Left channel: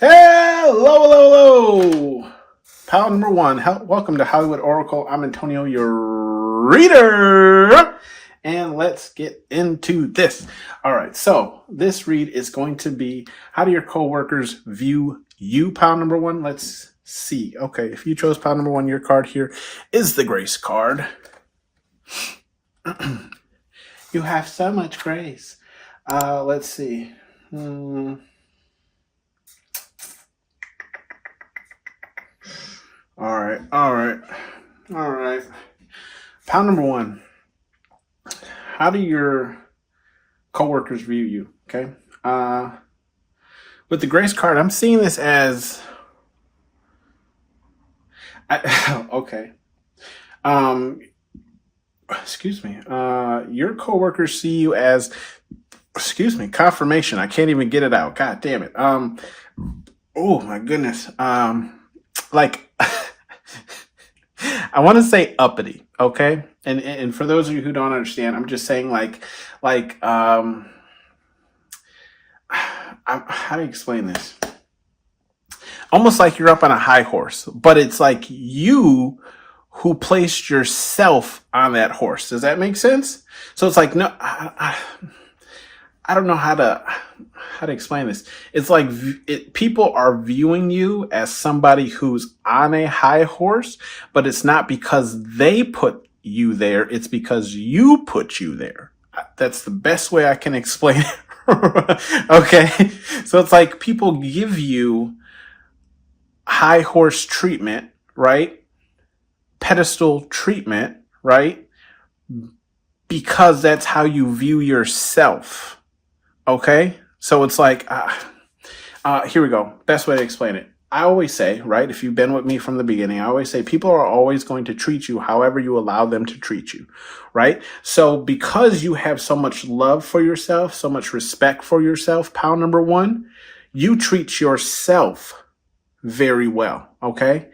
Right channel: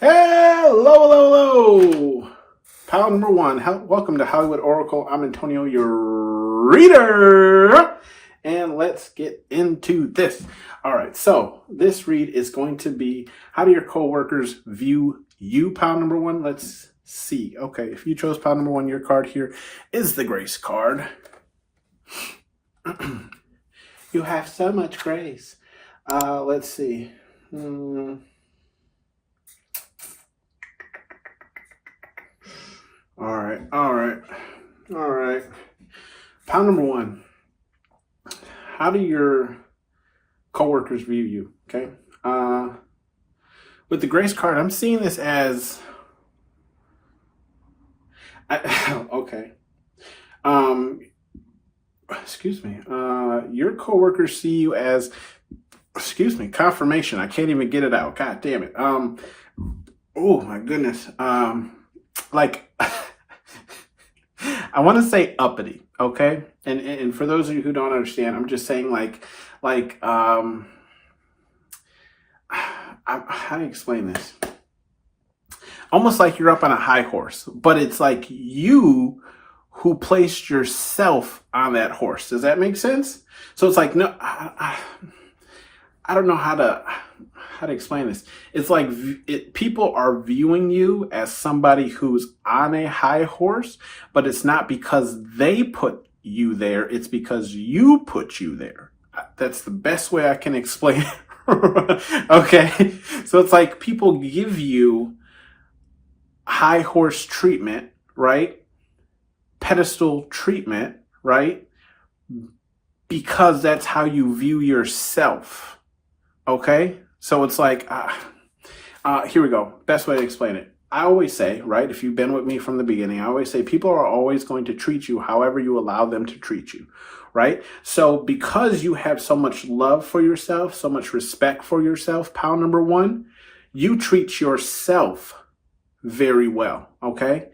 Hello, hello, hello. Pal number one, welcome to Hollywood Oracle. I'm Antonio, your reader. And let's get into this. All right, so this read is going to be, how do your coworkers view you, pal number one? Let's see. Okay, if you chose pal number one, your card here is the grace card. You have so much grace. Let's see. All right. Pal number one, how do your coworkers view you? Okay. With the grace card, I'm seeing this as, okay. Excuse me. Your coworkers see you as, confirmation. I can't even get it out. God damn it. Oh my goodness. Like, I want to say uppity, okay? And for those of you who don't understand, I'm just saying how do you explain this? Almost like you're up on a high horse, but it's like you who placed yourself on that horse. Does that make sense? So it's like, no, I don't know how to explain this. It's like people are viewing you as somebody who's on a high horse, but it's not because they put you there. It's because you put you there. That's the best way I can explain it. Okay. So it's like people give you high horse treatment, right? Pedestal treatment, right? Because that's how you view yourself. Okay. So it's like, here we go. Best way to explain it. I always say, right, if you've been with me from the beginning, I always say people are always going to treat you however you allow them to treat you, right? So because you have so much love for yourself, so much respect for yourself, pal number one, you treat yourself very well, okay?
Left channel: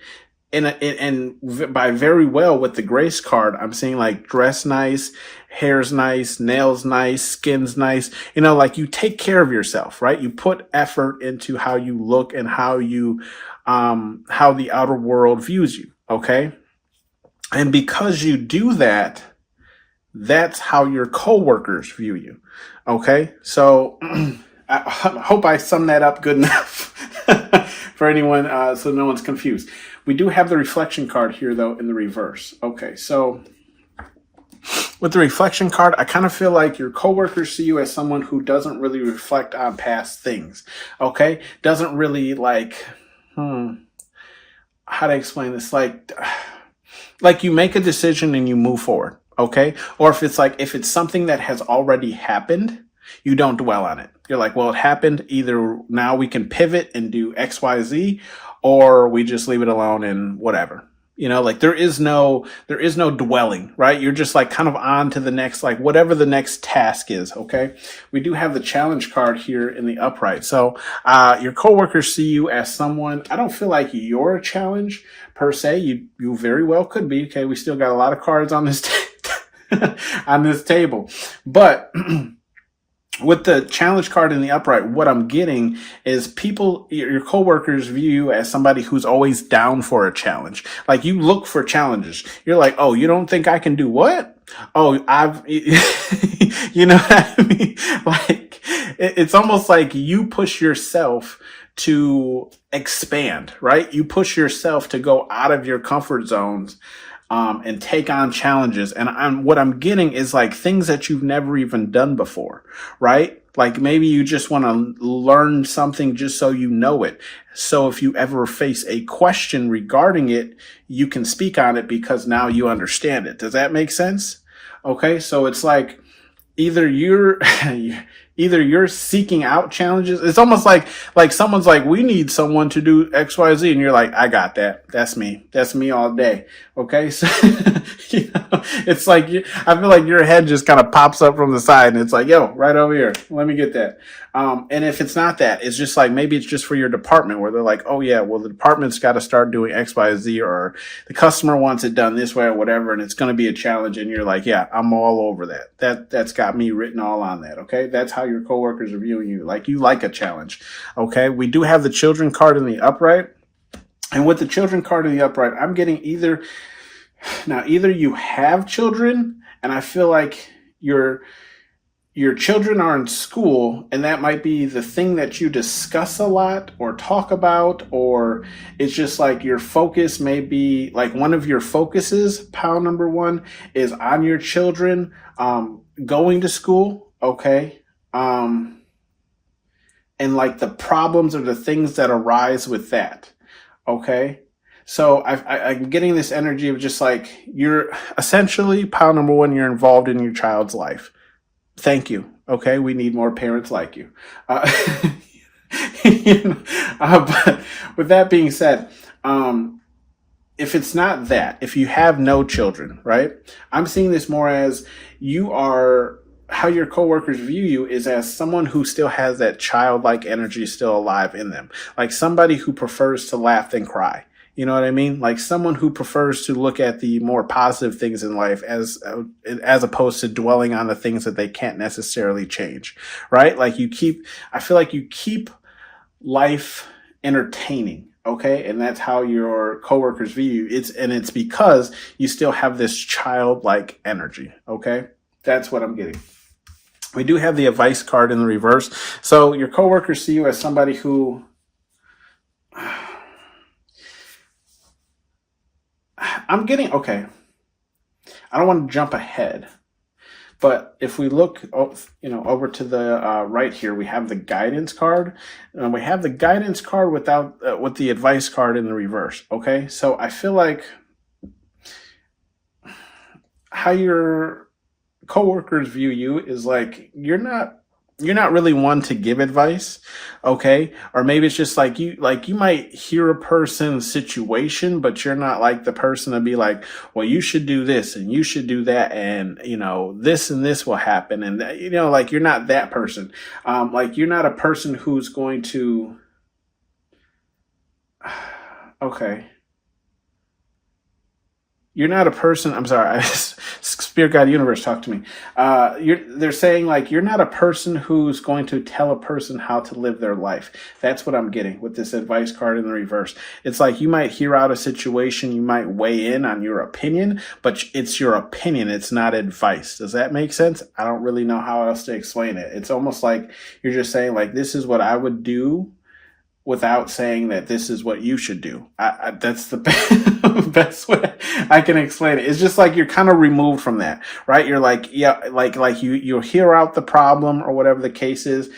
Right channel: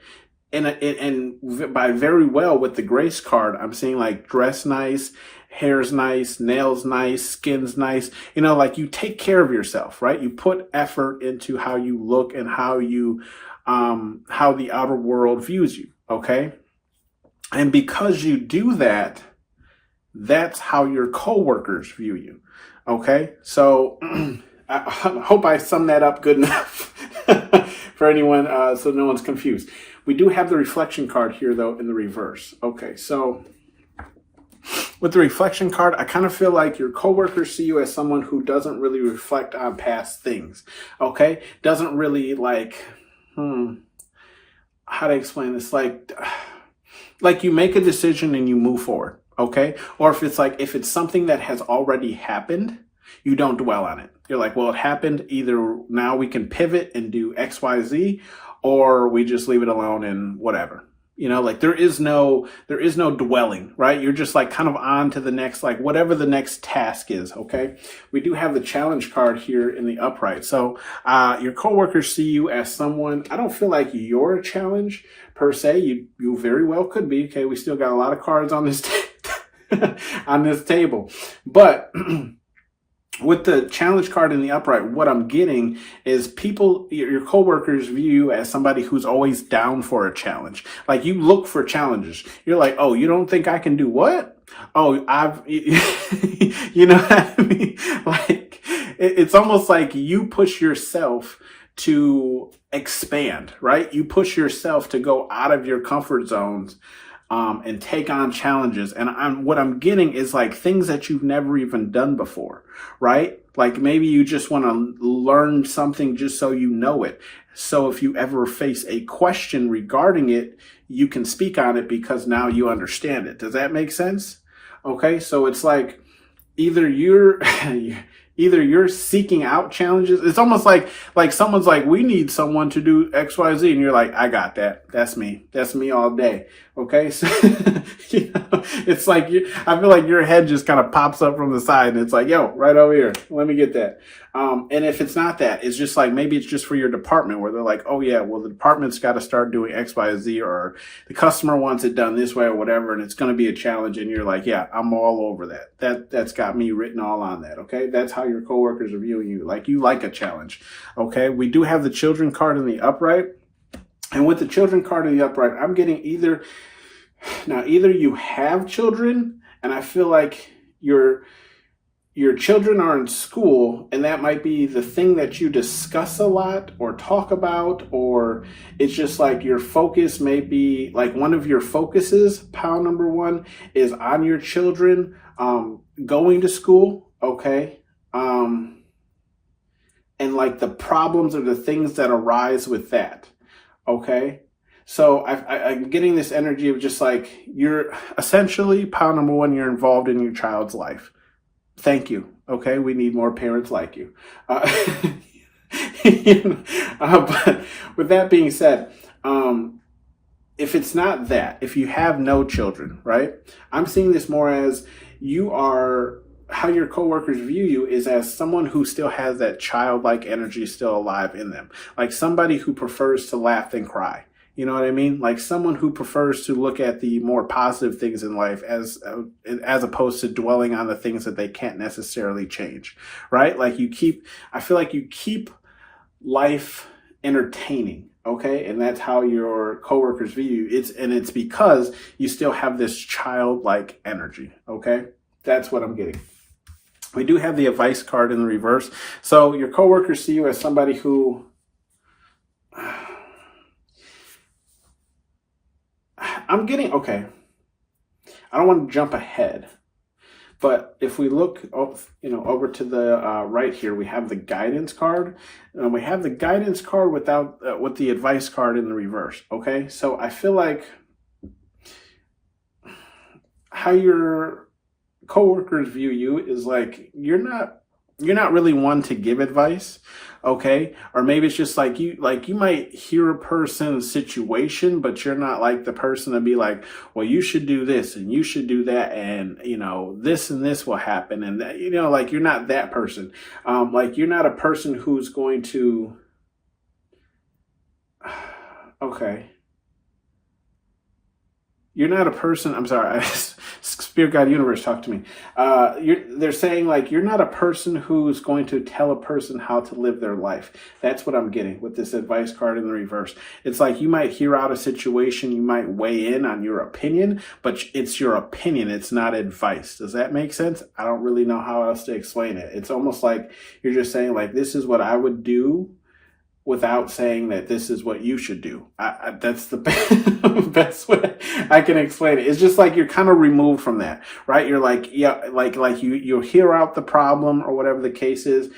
And by very well with the grace card, I'm saying like dress nice, hair's nice, nails nice, skin's nice. You know, like you take care of yourself, right? You put effort into how you look and how you, how the outer world views you. Okay. And because you do that, that's how your coworkers view you. Okay. So I hope I summed that up good enough for anyone, so no one's confused. We do have the reflection card here, though, in the reverse. Okay, so with the reflection card, I kind of feel like your coworkers see you as someone who doesn't really reflect on past things, okay? Doesn't really like, how to explain this? Like you make a decision and you move forward, okay? Or if it's something that has already happened, you don't dwell on it. You're like, well, it happened. Either now we can pivot and do X, Y, Z, or we just leave it alone and whatever. You know, like there is no dwelling, right? You're just like kind of on to the next, like whatever the next task is. Okay. We do have the challenge card here in the upright. So, your coworkers see you as someone, I don't feel like you're a challenge per se. You very well could be. Okay. We still got a lot of cards on this, on this table, but with the challenge card in the upright, what I'm getting is your coworkers view you as somebody who's always down for a challenge. Like you look for challenges. You're like, oh, you don't think I can do what? Oh, you know what I mean? Like it's almost like you push yourself to expand, right? You push yourself to go out of your comfort zones. And take on challenges. And what I'm getting is like things that you've never even done before, right? Like maybe you just want to learn something just so you know it. So if you ever face a question regarding it, you can speak on it because now you understand it. Does that make sense? Okay. So it's like either you're seeking out challenges. It's almost like someone's like, we need someone to do X, Y, Z. And you're like, I got that. That's me. That's me all day. Okay. So, you know, it's like, I feel like your head just kind of pops up from the side and it's like, yo, right over here. Let me get that. And if it's not that, it's just like, maybe it's just for your department where they're like, oh yeah, well, the department's got to start doing X, Y, Z, or the customer wants it done this way or whatever. And it's going to be a challenge. And you're like, yeah, I'm all over that. That's got me written all on that. Okay. That's how your coworkers are viewing you. Like you like a challenge. Okay. We do have the children card in the upright. And with the children card in the upright, I'm getting either you have children, and I feel like your children are in school, and that might be the thing that you discuss a lot or talk about, or it's just like your focus may be like one of your focuses, pile number one, is on your children going to school, okay? And like the problems or the things that arise with that, okay? So I'm getting this energy of just like you're essentially, pile number one, you're involved in your child's life. Thank you. Okay, we need more parents like you. But with that being said, if it's not that, if you have no children, right? I'm seeing this more as you are, how your coworkers view you is as someone who still has that childlike energy still alive in them. Like somebody who prefers to laugh than cry. You know what I mean? Like someone who prefers to look at the more positive things in life as opposed to dwelling on the things that they can't necessarily change, right? Like I feel like you keep life entertaining, okay? And that's how your coworkers view you. It's because you still have this childlike energy, okay? That's what I'm getting. We do have the advice card in the reverse. So your coworkers see you as somebody who, I'm getting, okay, I don't want to jump ahead, but if we look, over to the right here, we have the guidance card. We have the guidance card with the advice card in the reverse, okay? So I feel like how your coworkers view you is like you're not really one to give advice, okay? Or maybe it's just like you might hear a person's situation, but you're not like the person to be like, well, you should do this and you should do that, and this and this will happen, and like you're not that person. Like you're not a person who's going to, okay. You're not a person, I'm sorry, Spirit Guide Universe, talk to me. They're saying like, you're not a person who's going to tell a person how to live their life. That's what I'm getting with this advice card in the reverse. It's like you might hear out a situation, you might weigh in on your opinion, but it's your opinion, it's not advice. Does that make sense? I don't really know how else to explain it. It's almost like you're just saying like, this is what I would do, without saying that this is what you should do. That's the best way I can explain it. It's just like you're kind of removed from that, right? You're like, yeah, like you hear out the problem or whatever the case is,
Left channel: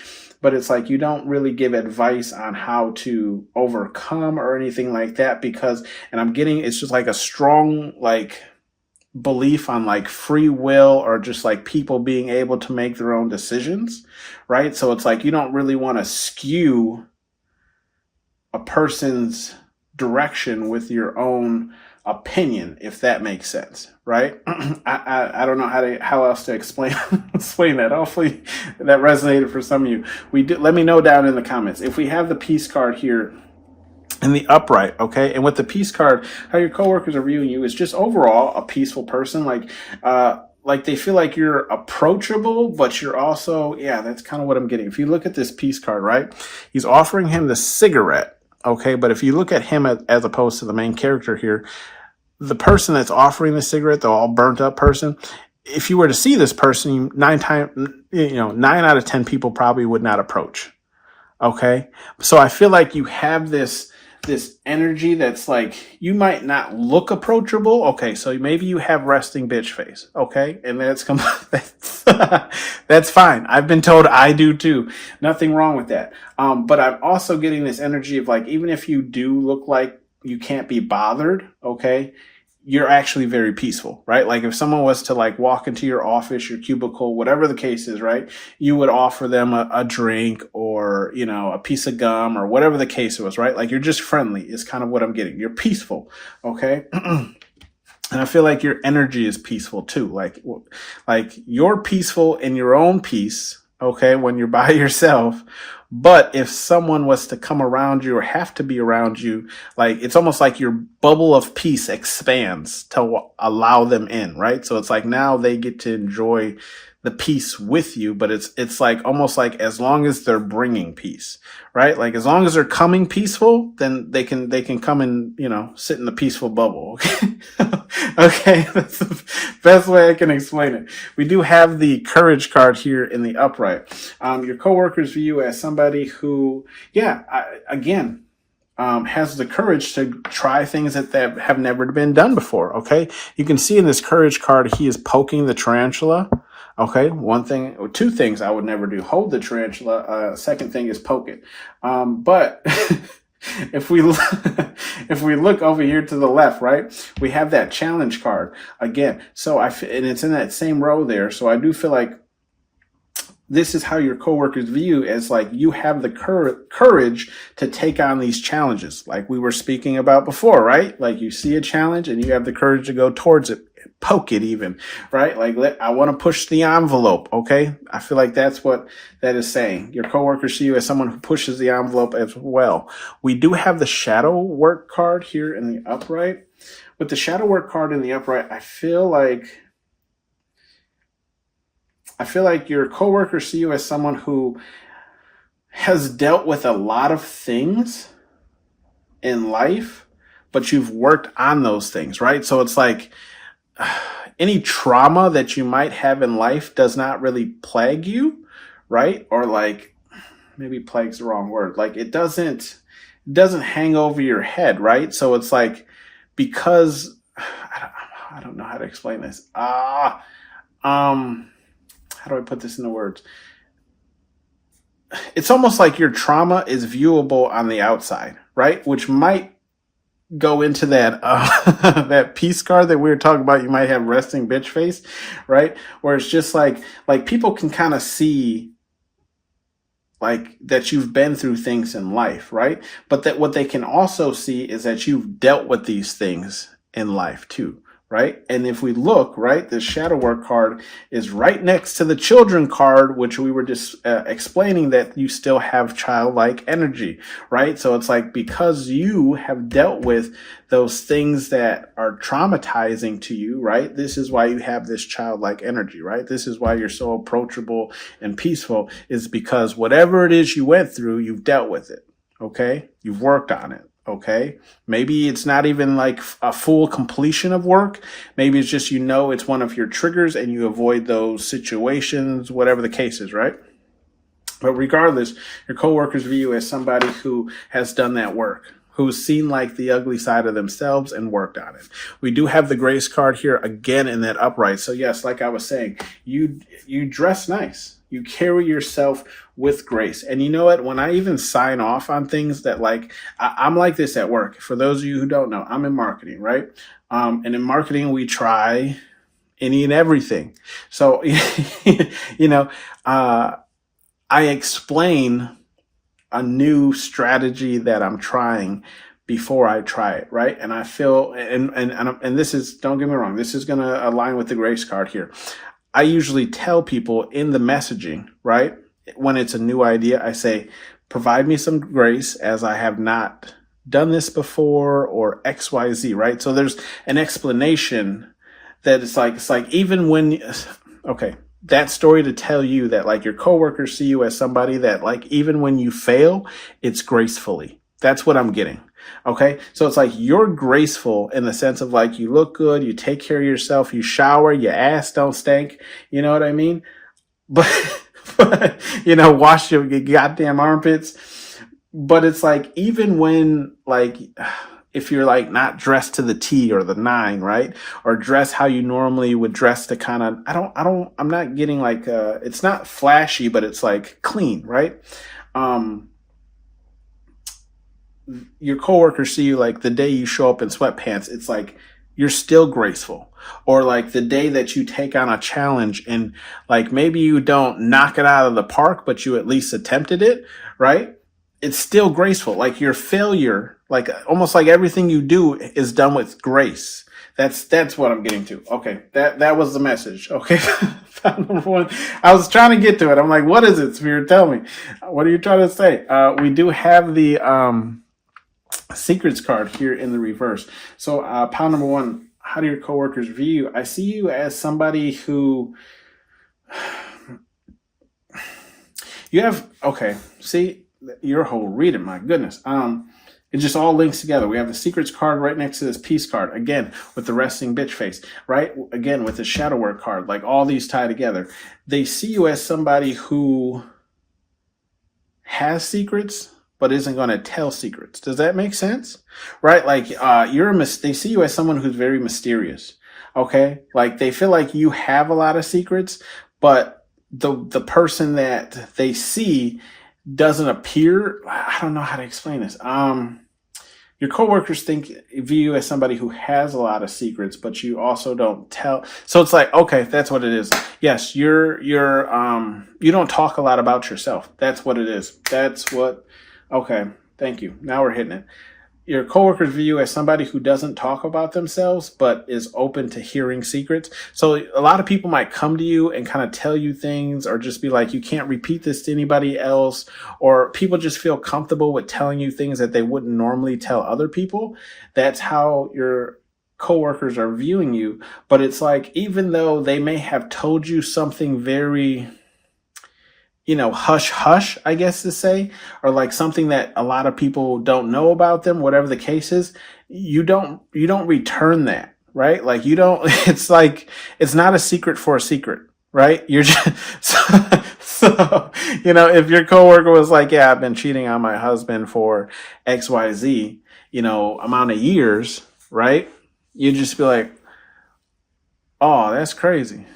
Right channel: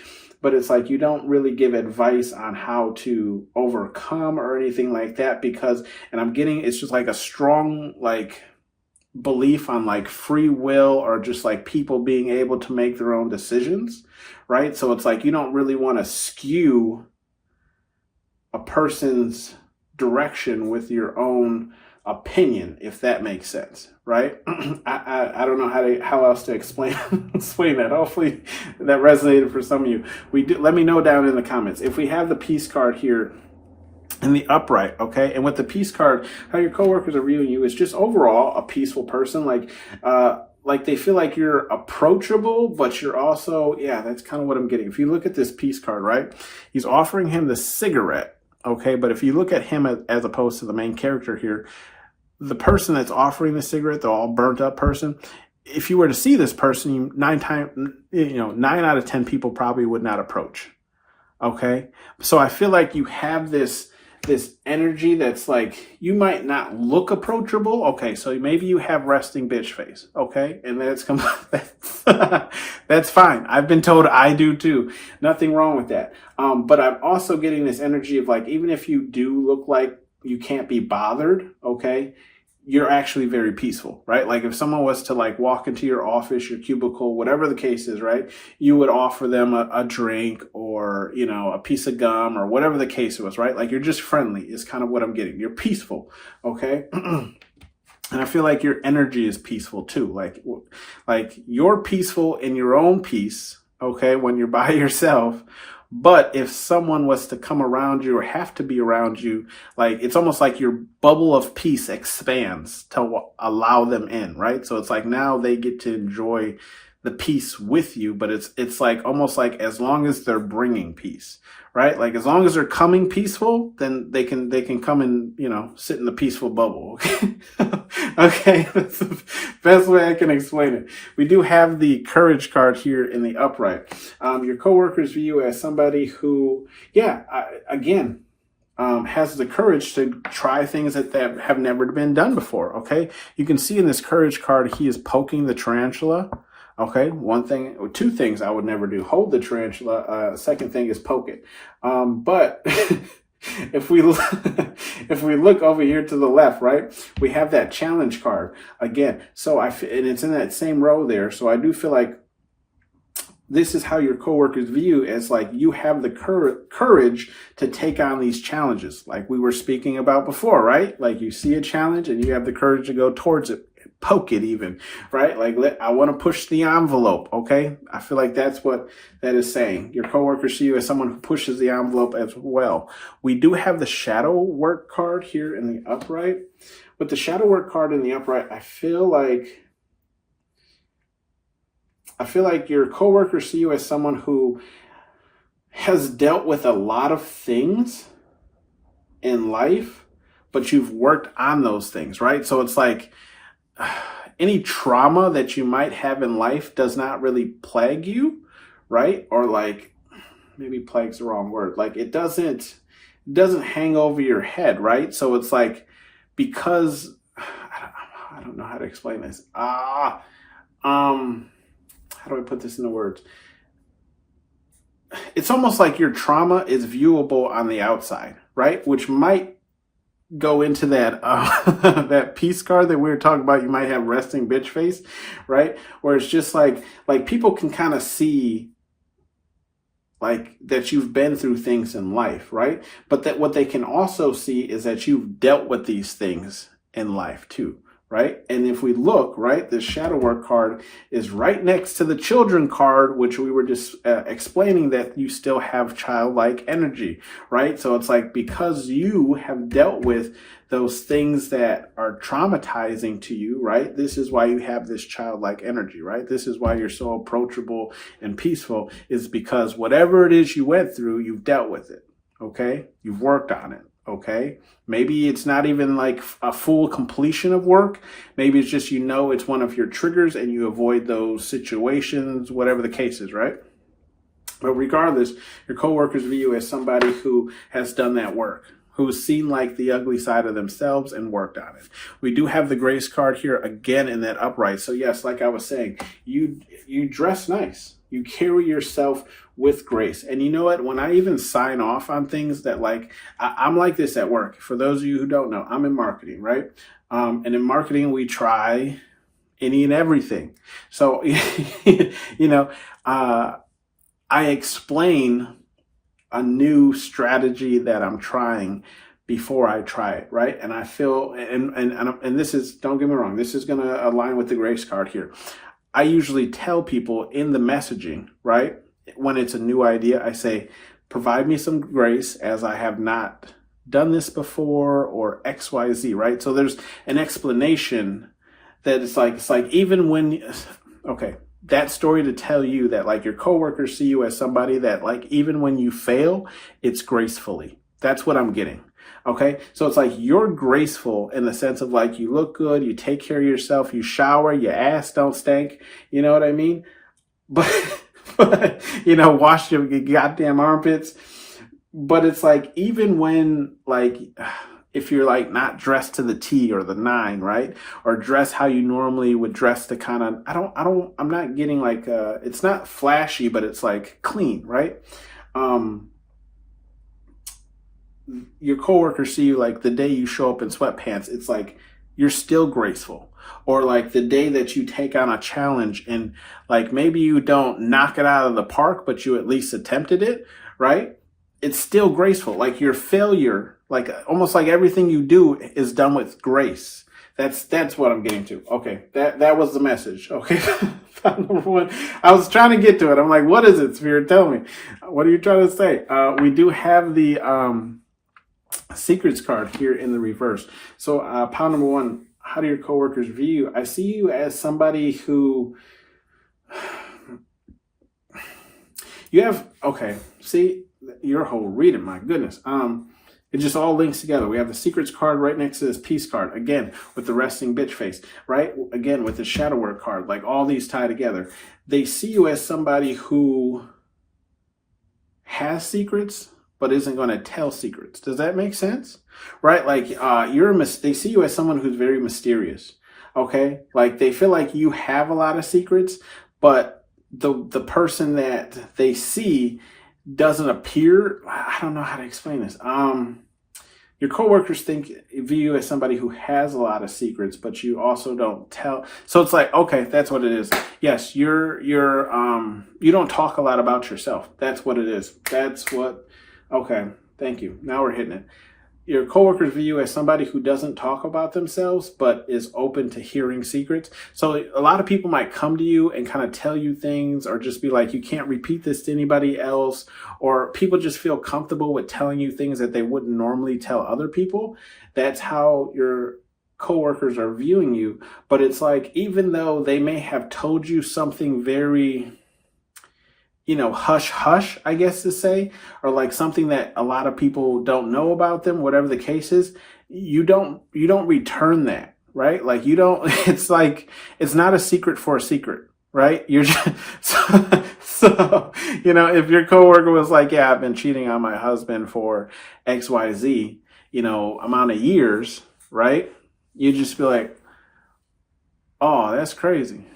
but it's like you don't really give advice on how to overcome or anything like that and I'm getting, it's just like a strong like belief on like free will or just like people being able to make their own decisions, right? So it's like you don't really want to skew a person's direction with your own opinion, if that makes sense, right? I don't know how else to explain that. Hopefully that resonated for some of you. Let me know down in the comments. If we have the peace card here in the upright, okay, and with the peace card, how your coworkers are viewing you is just overall a peaceful person. Like they feel like you're approachable, but you're also, that's kind of what I'm getting. If you look at this peace card, right, he's offering him the cigarette. Okay, but if you look at him as opposed to the main character here, the person that's offering the cigarette, the all burnt up person, if you were to see this person, 9 out of 10 people probably would not approach. Okay, so I feel like you have this energy that's like, you might not look approachable. Okay, so maybe you have resting bitch face. Okay, and that's fine. I've been told I do too. Nothing wrong with that. But I'm also getting this energy of like, even if you do look like you can't be bothered, okay, you're actually very peaceful, right? Like if someone was to like walk into your office, your cubicle, whatever the case is, right? You would offer them a drink or, a piece of gum or whatever the case was, right? Like you're just friendly is kind of what I'm getting. You're peaceful, okay? And I feel like your energy is peaceful too. Like you're peaceful in your own peace, okay, when you're by yourself. But if someone was to come around you or have to be around you, like it's almost like your bubble of peace expands to allow them in, right? So it's like now they get to enjoy the peace with you, but it's like almost like as long as they're bringing peace, right? Like as long as they're coming peaceful, then they can come and, you know, sit in the peaceful bubble. Okay. Okay. That's the best way I can explain it. We do have the courage card here in the upright. Your coworkers view you as somebody who, again, has the courage to try things that have never been done before. Okay. You can see in this courage card, he is poking the tarantula. Okay. One thing or two things I would never do: hold the tarantula. Second thing is poke it. But if we look over here to the left, right, we have that challenge card again. So and it's in that same row there. So I do feel like this is how your coworkers view as like you have the courage to take on these challenges, like we were speaking about before, right? Like you see a challenge and you have the courage to go towards it, poke it even, right? Like I want to push the envelope. Okay. I feel like that's what that is saying. Your coworkers see you as someone who pushes the envelope as well. We do have the shadow work card here in the upright. With the shadow work card in the upright, I feel like your coworkers see you as someone who has dealt with a lot of things in life, but you've worked on those things, right? So it's like any trauma that you might have in life does not really plague you, right? Or like, maybe plague's the wrong word. Like it doesn't hang over your head, right? So it's like, because I don't know how to explain this. How do I put this into words? It's almost like your trauma is viewable on the outside, right? Which might go into that that peace card that we were talking about. You might have resting bitch face, right? Where it's just like people can kind of see like that you've been through things in life, right? But that what they can also see is that you've dealt with these things in life too. Right? And if we look, right, the shadow work card is right next to the children card, which we were just explaining that you still have childlike energy, right? So it's like, because you have dealt with those things that are traumatizing to you, right? This is why you have this childlike energy, right? This is why you're so approachable and peaceful, is because whatever it is you went through, you've dealt with it. Okay. You've worked on it. Okay. Maybe it's not even like a full completion of work. Maybe it's just, it's one of your triggers and you avoid those situations, whatever the case is, right? But regardless, your coworkers view you as somebody who has done that work, who's seen like the ugly side of themselves and worked on it. We do have the grace card here again in that upright. So yes, like I was saying, you dress nice. You carry yourself with grace. And you know what? When I even sign off on things that like, I'm like this at work. For those of you who don't know, I'm in marketing, right? And in marketing, we try any and everything. So, I explain a new strategy that I'm trying before I try it, right? And I feel, and this is, don't get me wrong, this is going to align with the grace card here. I usually tell people in the messaging, right? When it's a new idea, I say, provide me some grace as I have not done this before, or XYZ, right? So there's an explanation that it's like even when, okay, that story to tell you that like your coworkers see you as somebody that like, even when you fail, it's gracefully. That's what I'm getting. Okay. So it's like you're graceful in the sense of like, you look good, you take care of yourself, you shower, your ass don't stink. You know what I mean? But wash your goddamn armpits. But it's like, even when like, if you're like not dressed to the T or the 9, right? Or dress how you normally would dress to kind of, I'm not getting like, it's not flashy, but it's like clean, right? Your coworkers see you like the day you show up in sweatpants, it's like you're still graceful. Or like the day that you take on a challenge and like maybe you don't knock it out of the park, but you at least attempted it, right? It's still graceful. Like your failure, like almost like everything you do is done with grace. That's what I'm getting to. Okay, that was the message. Okay, number 1. I was trying to get to it. I'm like, what is it, Spirit? Tell me. What are you trying to say? We do have the secrets card here in the reverse. So pile number 1, how do your coworkers view you? I see you as somebody who You have, okay, see, your whole reading, my goodness. It just all links together. We have the secrets card right next to this peace card, again, with the resting bitch face, right? Again, with the shadow work card, like all these tie together. They see you as somebody who has secrets, but isn't going to tell secrets. Does that make sense? Right? Like, they see you as someone who's very mysterious. Okay? Like, they feel like you have a lot of secrets, but the person that they see doesn't appear. I don't know how to explain this. Your coworkers view you as somebody who has a lot of secrets, but you also don't tell. So it's like, okay, that's what it is. Yes, you don't talk a lot about yourself. That's what it is. That's what. Okay, thank you. Now we're hitting it. Your coworkers view you as somebody who doesn't talk about themselves, but is open to hearing secrets. So a lot of people might come to you and kind of tell you things, or just be like, you can't repeat this to anybody else. Or people just feel comfortable with telling you things that they wouldn't normally tell other people. That's how your coworkers are viewing you. But it's like, even though they may have told you something very, hush hush, I guess to say, or like something that a lot of people don't know about them, whatever the case is, you don't return that, right? Like it's like, it's not a secret for a secret, right? You're just, so, if your coworker was like, yeah, I've been cheating on my husband for XYZ, amount of years, right? You just be like, oh, that's crazy.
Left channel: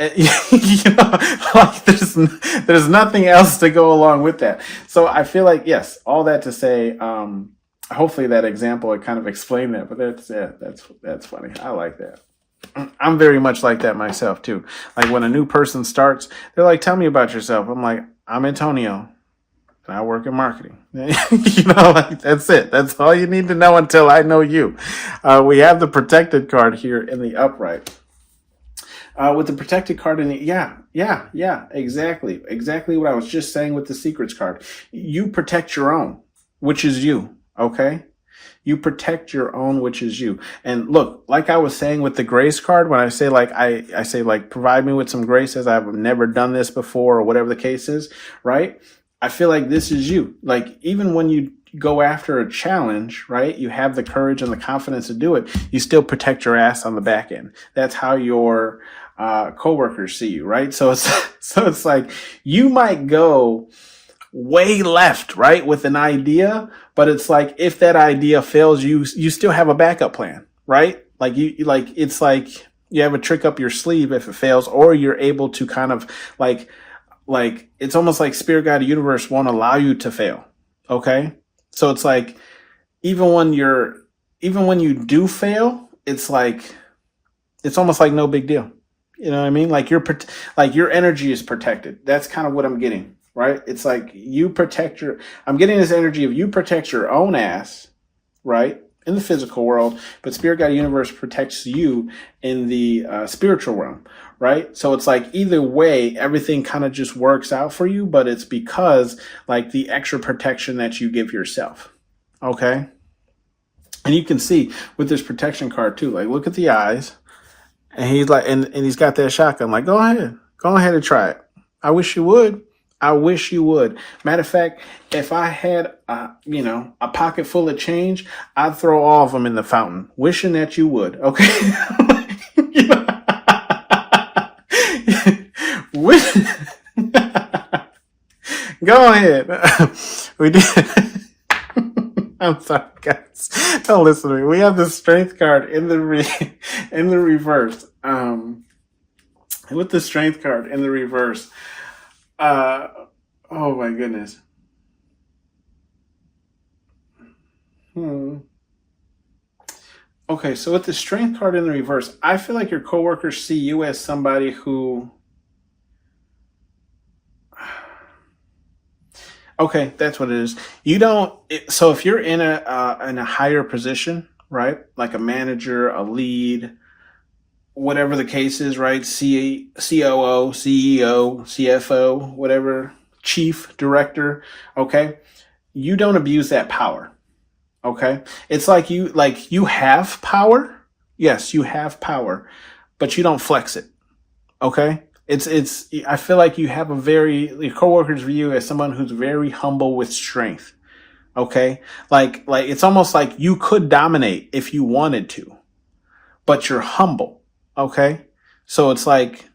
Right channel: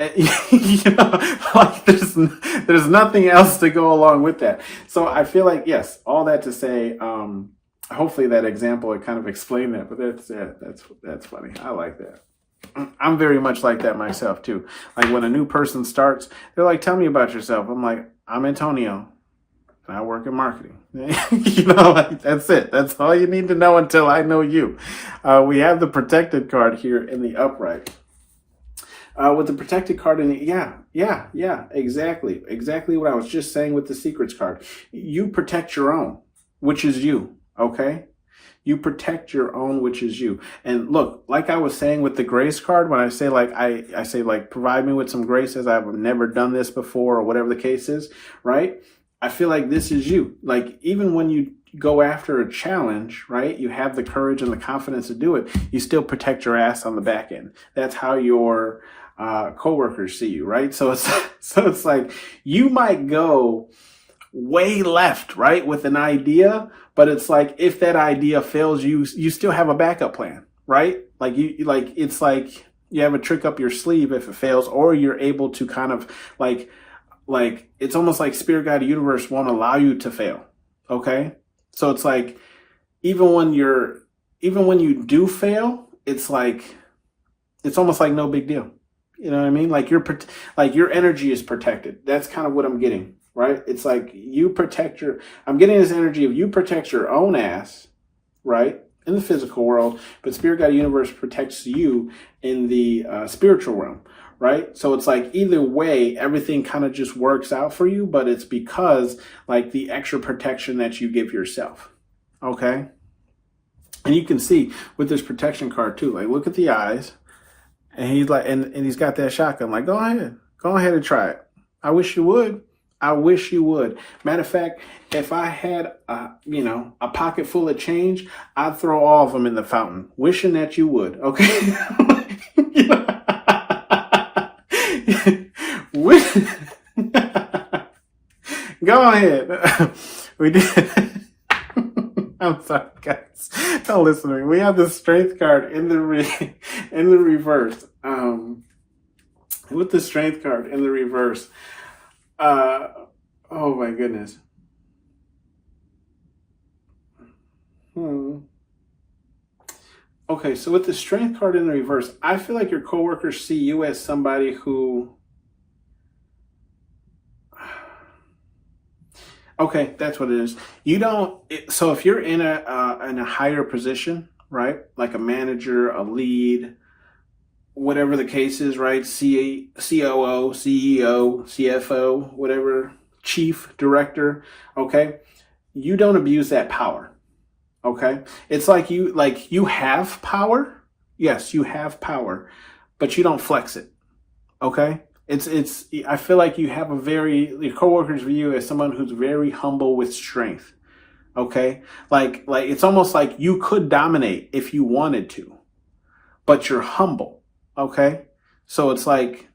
Like there's nothing else to go along with that. So I feel like, yes, all that to say, hopefully that example would kind of explain that. But that's funny. I like that. I'm very much like that myself too. Like when a new person starts, they're like, tell me about yourself. I'm like, I'm Antonio and I work in marketing. Like that's it. That's all you need to know until I know you. We have the protected card here in the upright. With the protected card in it, yeah, exactly what I was just saying with the secrets card. You protect your own, which is you, okay? You protect your own, which is you. And look, like I was saying with the grace card, when I say like, I say like, provide me with some grace as I've never done this before, or whatever the case is, right? I feel like this is you. Like, even when you go after a challenge, right? You have the courage and the confidence to do it. You still protect your ass on the back end. That's how your coworkers see you, right? So it's like you might go way left, right, with an idea, but it's like if that idea fails, you still have a backup plan, right? Like it's like you have a trick up your sleeve if it fails, or you're able to kind of like it's almost like spirit guide universe won't allow you to fail. Okay, so it's like even when you do fail, it's like it's almost like no big deal. You know what I mean? Like your energy is protected. That's kind of what I'm getting, right? It's like I'm getting this energy of you protect your own ass, right? In the physical world, but Spirit Guide Universe protects you in the spiritual realm, right? So it's like either way, everything kind of just works out for you, but it's because like the extra protection that you give yourself, okay? And you can see with this protection card too, like look at the eyes. And he's like, and he's got that shotgun. Like, go ahead and try it. I wish you would. Matter of fact, if I had, a pocket full of change, I'd throw all of them in the fountain, wishing that you would. Okay. Go ahead. We did. I'm sorry, guys. Don't listen to me. We have the strength card in the reverse. With the strength card in the reverse. Oh my goodness. Okay, so with the strength card in the reverse, I feel like your coworkers see you as somebody who. Okay, that's what it is. So if you're in a higher position, right? Like a manager, a lead, whatever the case is, right? COO, CEO, CFO, whatever, chief, director, okay? You don't abuse that power, okay? It's like you have power. Yes, you have power, but you don't flex it, Okay. I feel like you have your coworkers view you as someone who's very humble with strength. Okay. Like it's almost like you could dominate if you wanted to, but you're humble. Okay. So it's like,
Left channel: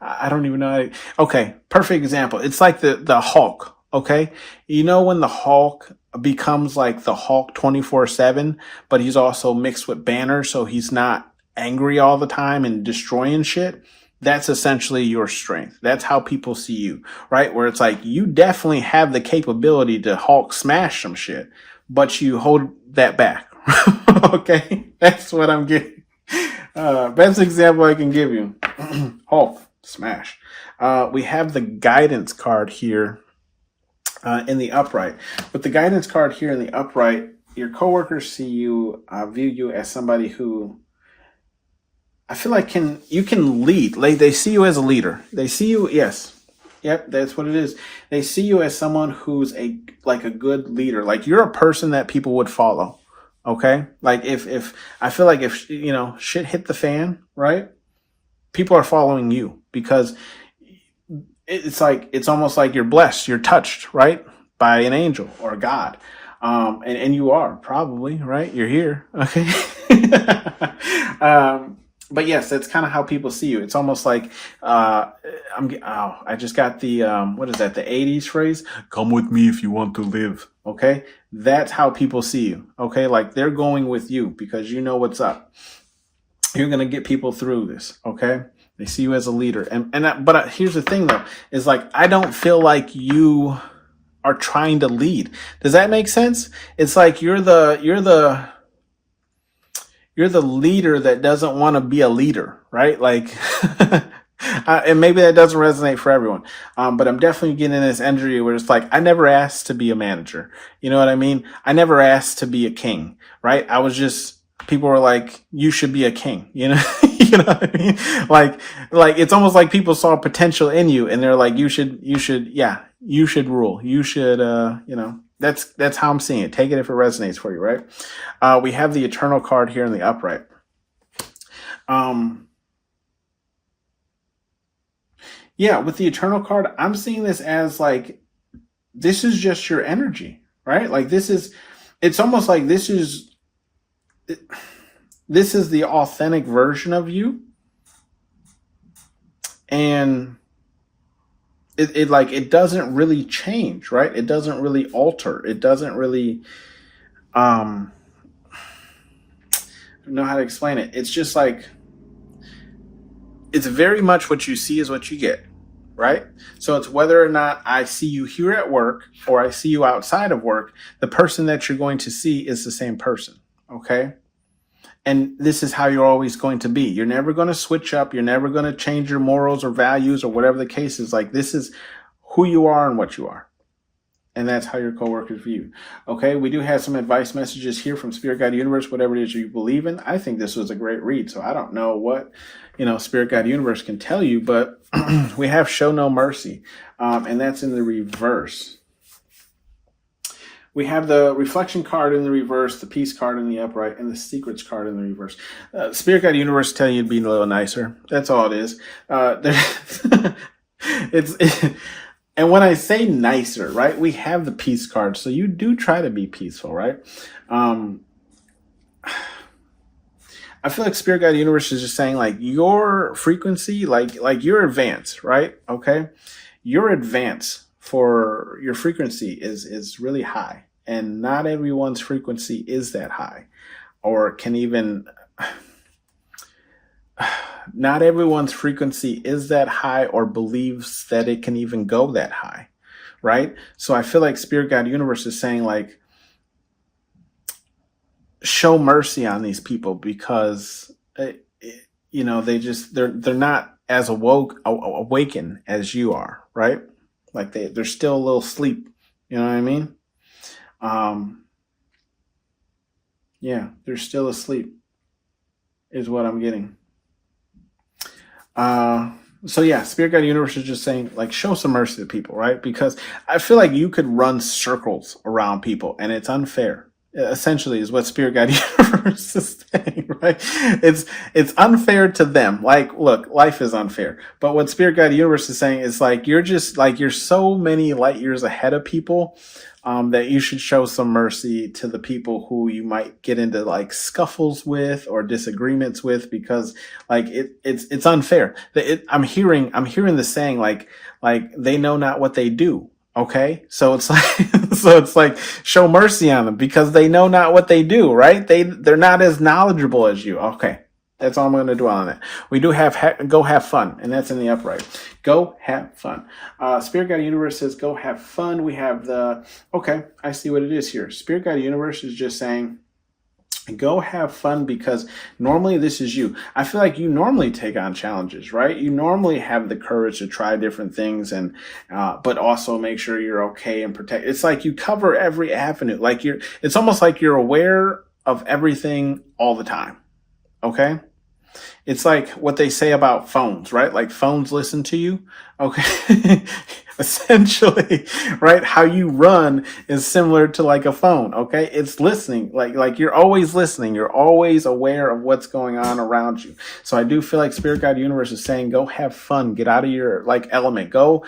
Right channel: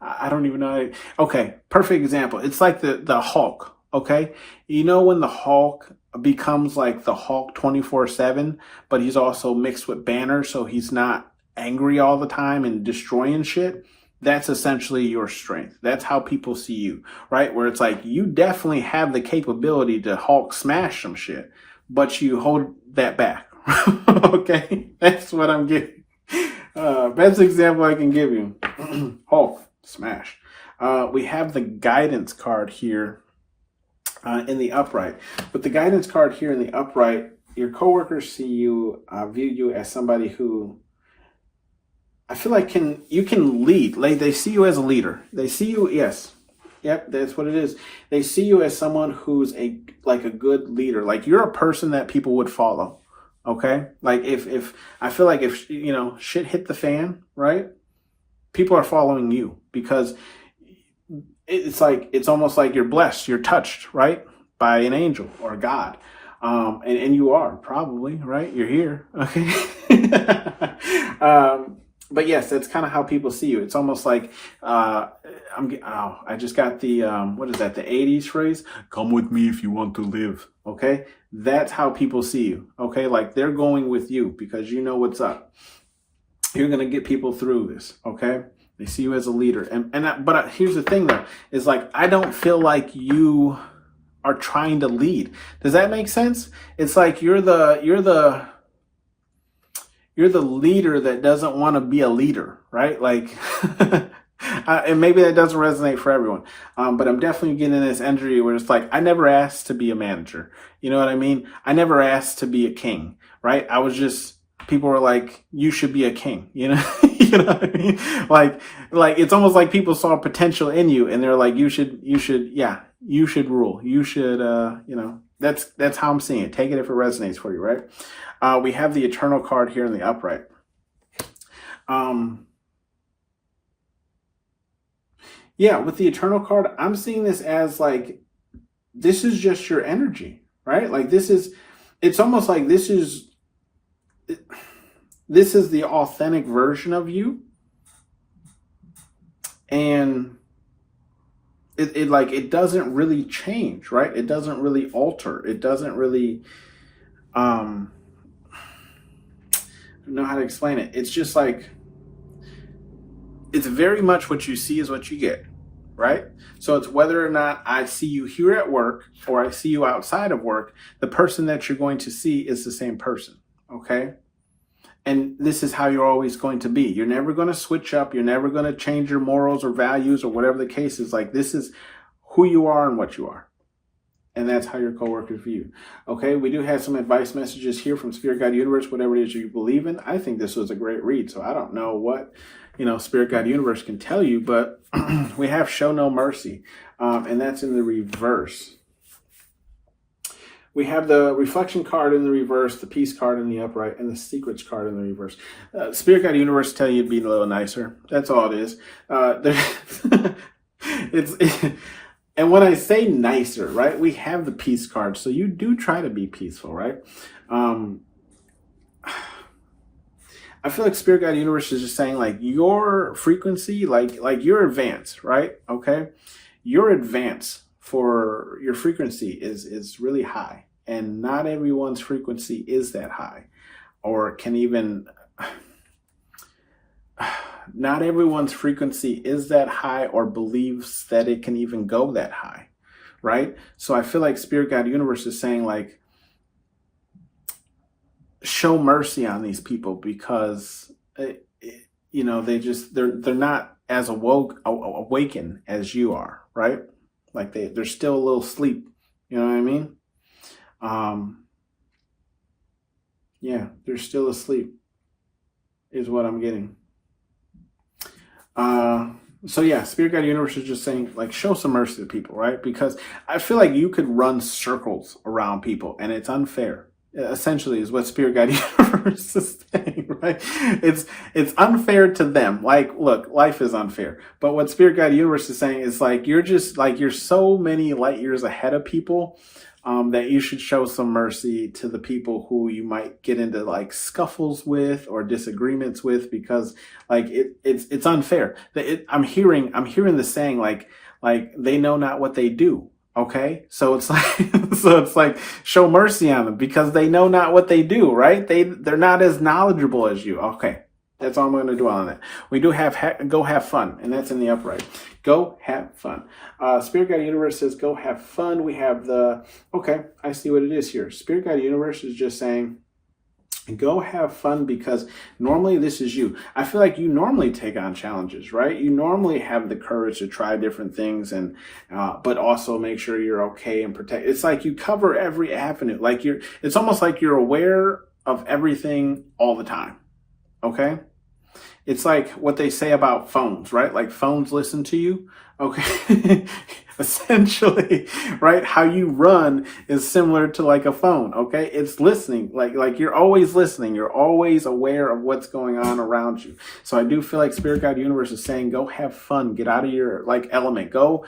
I don't even know. Okay. Perfect example. It's like the Hulk. Okay. You know, when the Hulk becomes like the Hulk 24/7, but he's also mixed with Banner. So he's not angry all the time and destroying shit. That's essentially your strength. That's how people see you, right? Where it's like, you definitely have the capability to Hulk smash some shit, but you hold that back. Okay. That's what I'm getting. Best example I can give you. Hulk smash. We have the guidance card here in the upright. With the guidance card here in the upright, your coworkers see you, view you as somebody who I feel like you can lead. Like, they see you as a leader. They see you, yes. Yep, that's what it is. They see you as someone who's a good leader. Like, you're a person that people would follow. Okay? Like, if I feel like if shit hit the fan, right? People are following you because it's almost like you're blessed, you're touched, right? By an angel or God. And you are probably, right? You're here. Okay. But yes, that's kind of how people see you. It's almost like, I just got the, what is that? The 80s phrase, come with me if you want to live. Okay. That's how people see you. Okay. Like, they're going with you because you know what's up. You're going to get people through this. Okay. They see you as a leader. But here's the thing though, is like, I don't feel like you are trying to lead. Does that make sense? It's like you're the leader that doesn't want to be a leader, right? Like, and maybe that doesn't resonate for everyone. But I'm definitely getting this energy where it's like, I never asked to be a manager. You know what I mean? I never asked to be a king, right? People were like, you should be a king, you know? You know what I mean? Like it's almost like people saw potential in you and they're like, you should rule. You should, that's how I'm seeing it. Take it if it resonates for you, right? We have the Eternal card here in the upright. With the Eternal card, I'm seeing this as like, this is just your energy, right? Like, it's almost like this is the authentic version of you. And it doesn't really change, right? It doesn't really alter. It doesn't really, I don't know how to explain it. It's just like, it's very much what you see is what you get, right? So it's whether or not I see you here at work or I see you outside of work, the person that you're going to see is the same person, okay? And this is how you're always going to be. You're never going to switch up. You're never going to change your morals or values or whatever the case is. Like, this is who you are and what you are. And that's how your coworkers view you. Okay, we do have some advice messages here from Spirit Guide Universe, whatever it is you believe in. I think this was a great read. So I don't know what, Spirit Guide Universe can tell you, but we have Show No Mercy. And that's in the reverse. We have the Reflection card in the reverse, the Peace card in the upright, and the Secrets card in the reverse. Spirit Guide Universe tell you to be a little nicer. That's all it is. And when I say nicer, right, we have the Peace card. So you do try to be peaceful, right? I feel like Spirit Guide Universe is just saying, like, your frequency, like your advance, right? Okay. Your advance for your frequency is really high, and not everyone's frequency is that high, or can even, not everyone's frequency is that high or believes that it can even go that high, right? So I feel like Spirit Guide Universe is saying, like, show mercy on these people because, they're not as awakened as you are, right? Like, they're still a little asleep. You know what I mean? They're still asleep is what I'm getting. Spirit Guide Universe is just saying, like, show some mercy to people, right? Because I feel like you could run circles around people and it's unfair. Essentially is what Spirit Guide Universe is saying, Right? It's unfair to them. Like, look, life is unfair. But what Spirit Guide Universe is saying is like you're so many light years ahead of people, that you should show some mercy to the people who you might get into like scuffles with or disagreements with, because like it's unfair. I'm hearing the saying like they know not what they do. Okay, so it's like show mercy on them because they know not what they do. Right? They're not as knowledgeable as you. Okay. That's all I'm going to dwell on it. We do have go have fun, and that's in the upright. Go have fun. Spirit Guide Universe says go have fun. We have okay, I see what it is here. Spirit Guide Universe is just saying go have fun because normally this is you. I feel like you normally take on challenges, right? You normally have the courage to try different things and but also make sure you're okay and protect. It's like you cover every avenue. Like it's almost like you're aware of everything all the time. Okay? It's like what they say about phones, right? Like phones listen to you. Okay. Essentially, right? How you run is similar to like a phone. Okay. It's listening. Like you're always listening. You're always aware of what's going on around you. So I do feel like Spirit Guide Universe is saying, go have fun, get out of your like element, go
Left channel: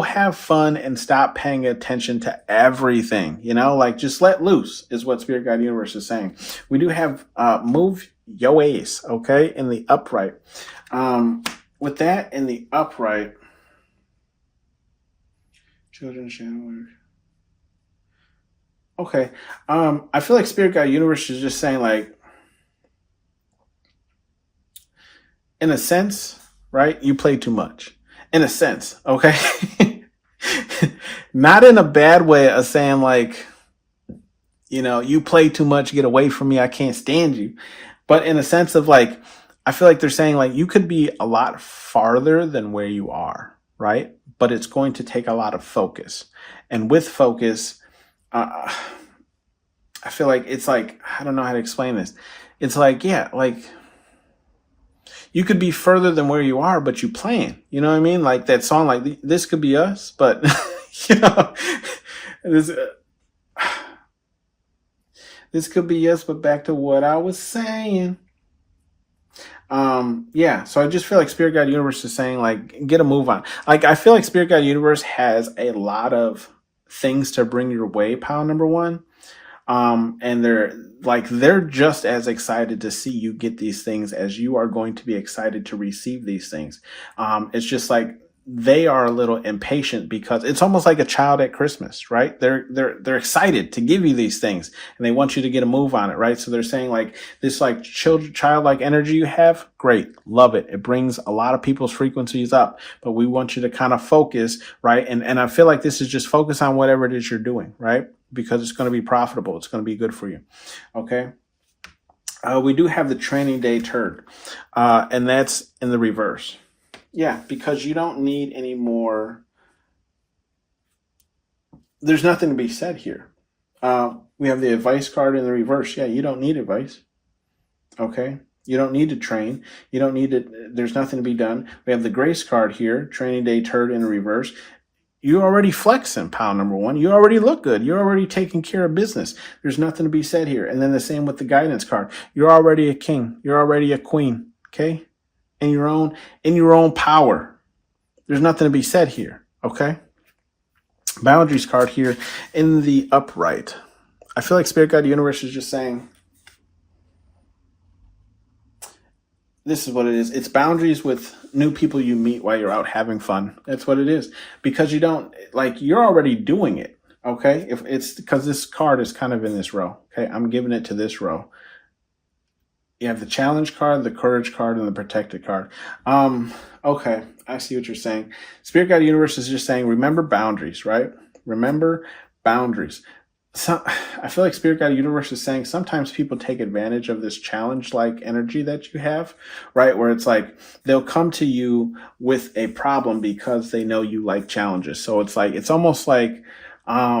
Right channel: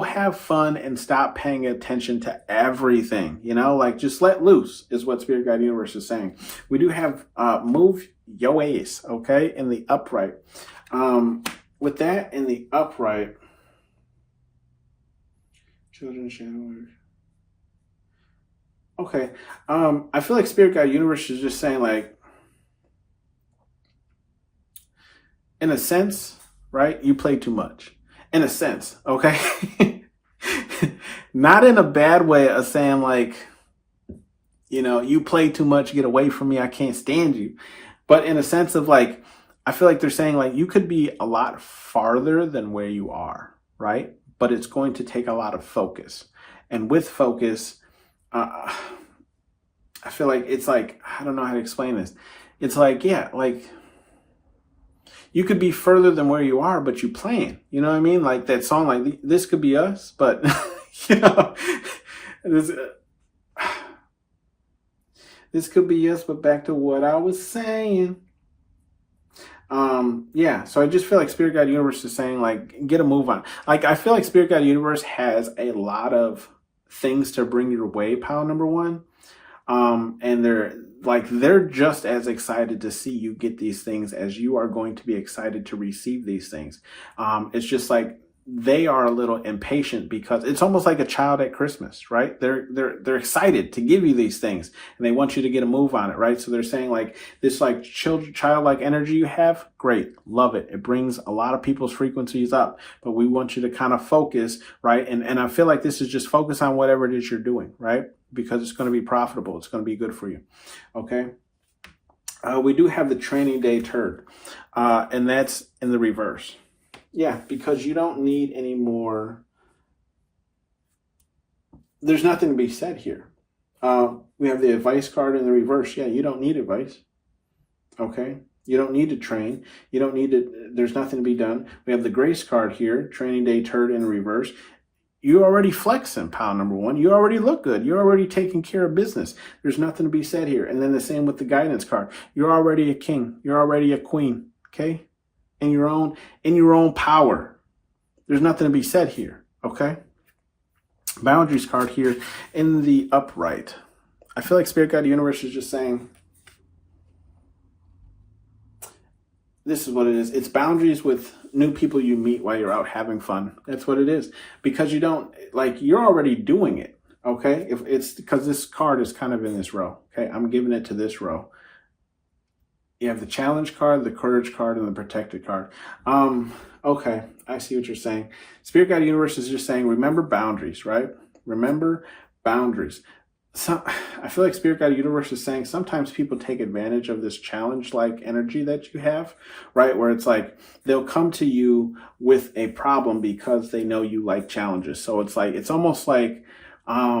have fun and stop paying attention to everything, like just let loose is what Spirit Guide Universe is saying. We do have, move your ace, okay, in the upright. With that in the upright, children shadow. Okay, I feel like Spirit Guide Universe is just saying, like, in a sense, right? You play too much. In a sense, okay, not in a bad way of saying like, you play too much, get away from me, I can't stand you. But in a sense of like, I feel like they're saying like you could be a lot farther than where you are, right? But it's going to take a lot of focus. And with focus, I feel like it's like, I don't know how to explain this. It's like, yeah, like you could be further than where you are, but you plan. You know what I mean? Like that song, like this could be us, but this could be us, but back to what I was saying. Yeah, so I just feel like Spirit Guide Universe is saying, like, get a move on. Like, I feel like Spirit Guide Universe has a lot of things to bring your way, pile number one. And they're just as excited to see you get these things as you are going to be excited to receive these things. It's just like, they are a little impatient because it's almost like a child at Christmas, right? They're excited to give you these things and they want you to get a move on it, right? So they're saying like this like childlike energy you have, great, love it. It brings a lot of people's frequencies up, but we want you to kind of focus, right? And I feel like this is just focus on whatever it is you're doing, right? Because it's going to be profitable. It's going to be good for you. Okay. We do have the training day turd, and that's in the reverse. Yeah, because you don't need any more. There's nothing to be said here. We have the advice card in the reverse. Yeah, you don't need advice. Okay. You don't need to train. You don't need to, there's nothing to be done. We have the grace card here, training day turd in the reverse. You're already flexing, pile number one. You already look good. You're already taking care of business. There's nothing to be said here. And then the same with the guidance card. You're already a king. You're already a queen. Okay. In your own power. There's nothing to be said here. Okay. Boundaries card here in the upright. I feel like Spirit Guide Universe is just saying, this is what it is. It's boundaries with new people you meet while you're out having fun. That's what it is. Because you don't, like, you're already doing it. Okay. If it's because this card is kind of in this row. Okay. I'm giving it to this row. You have the challenge card, the courage card, and the protected card. Okay, I see what you're saying. Spirit Guide Universe is just saying, remember boundaries, right? Remember boundaries. So I feel like Spirit Guide Universe is saying sometimes people take advantage of this challenge-like energy that you have, right? Where it's like they'll come to you with a problem because they know you like challenges. So it's like, it's almost like, I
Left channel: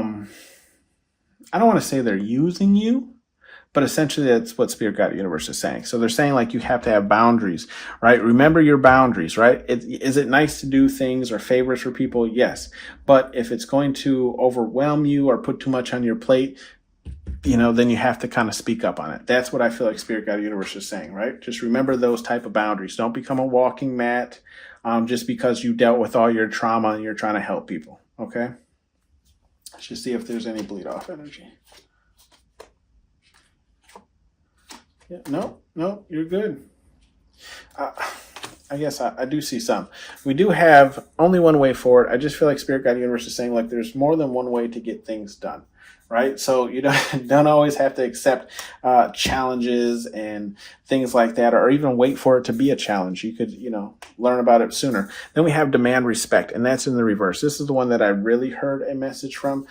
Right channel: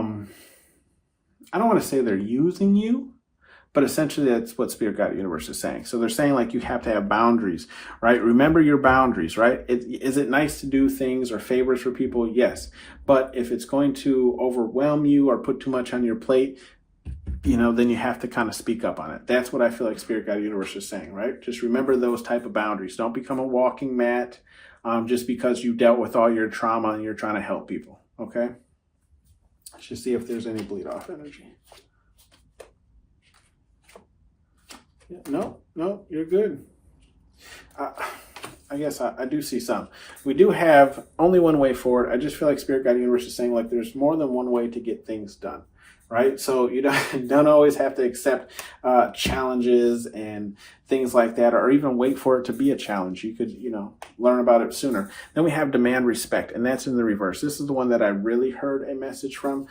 don't want to say they're using you, but essentially that's what Spirit Guide Universe is saying. So they're saying like you have to have boundaries, right? Remember your boundaries, right? Is it nice to do things or favors for people? Yes. But if it's going to overwhelm you or put too much on your plate, then you have to kind of speak up on it. That's what I feel like Spirit Guide Universe is saying, right? Just remember those type of boundaries. Don't become a walking mat just because you dealt with all your trauma and you're trying to help people, okay? Let's just see if there's any bleed off energy. Yeah, no, you're good. I guess I do see some. We do have only one way forward. I just feel like Spirit Guide Universe is saying like there's more than one way to get things done, right? So you don't always have to accept challenges and things like that, or even wait for it to be a challenge. You could, learn about it sooner. Then we have demand respect, and that's in the reverse. This is the one that I really heard a message from.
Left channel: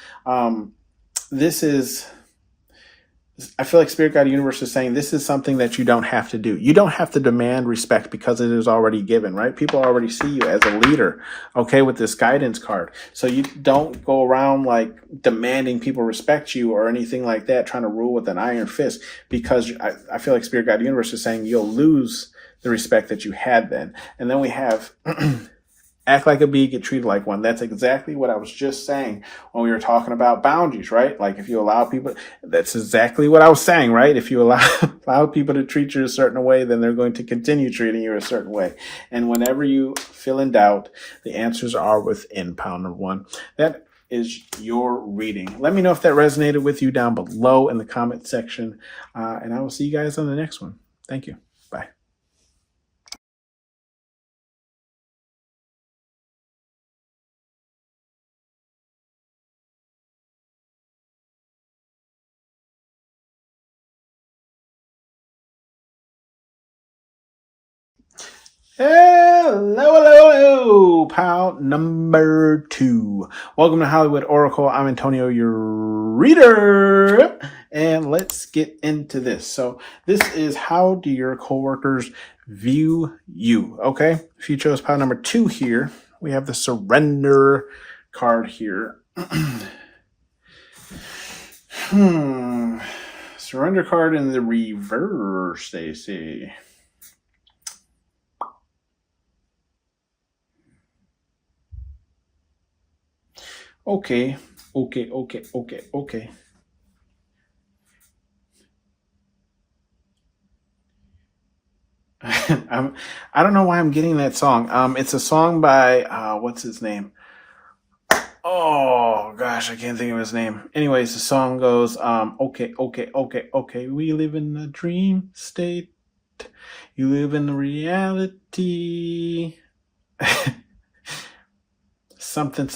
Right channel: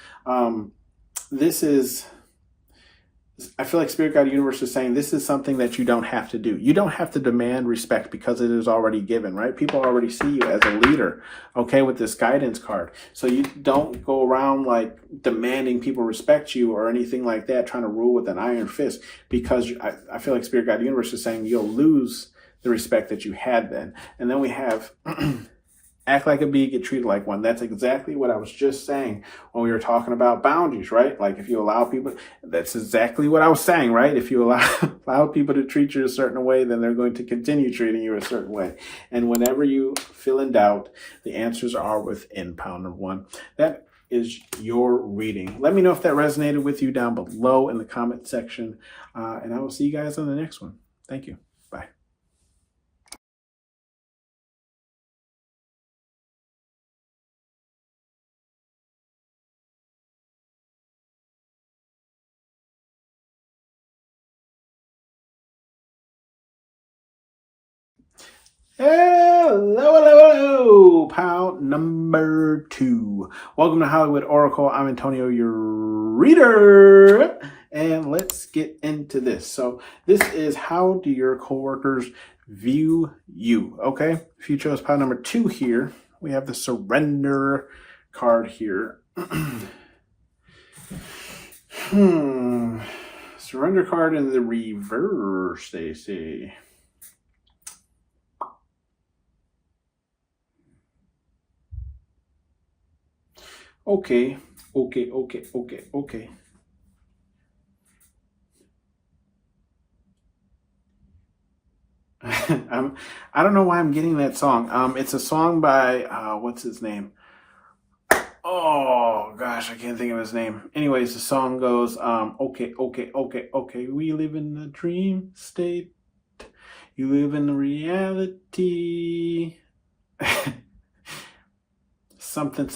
I feel like Spirit Guide Universe is saying this is something that you don't have to do. You don't have to demand respect because it is already given, right? People already see you as a leader, okay, with this guidance card. So you don't go around like demanding people respect you or anything like that, trying to rule with an iron fist, because I feel like Spirit Guide Universe is saying you'll lose the respect that you had then. And then we have act like a bee, get treated like one. That's exactly what I was just saying when we were talking about boundaries, right? Like if you allow people, that's exactly what I was saying, right? If you allow people to treat you a certain way, then they're going to continue treating you a certain way. And whenever you feel in doubt, the answers are within pound number one. That is your reading. Let me know if that resonated with you down below in the comment section. And I will see you guys on the next one. Thank you. Bye. Hello, pound number 2. Welcome to Hollywood Oracle. I'm Antonio, your reader, and let's get into this. So this is how do your coworkers view you, okay? If you chose pound number 2 here, we have the surrender card here. Surrender card in the reverse, they say. Okay. I don't know why I'm getting that song. It's a song by, what's his name? Oh, gosh, I can't think of his name. Anyways, the song goes, okay. We live in a dream state. You live in the reality. Something.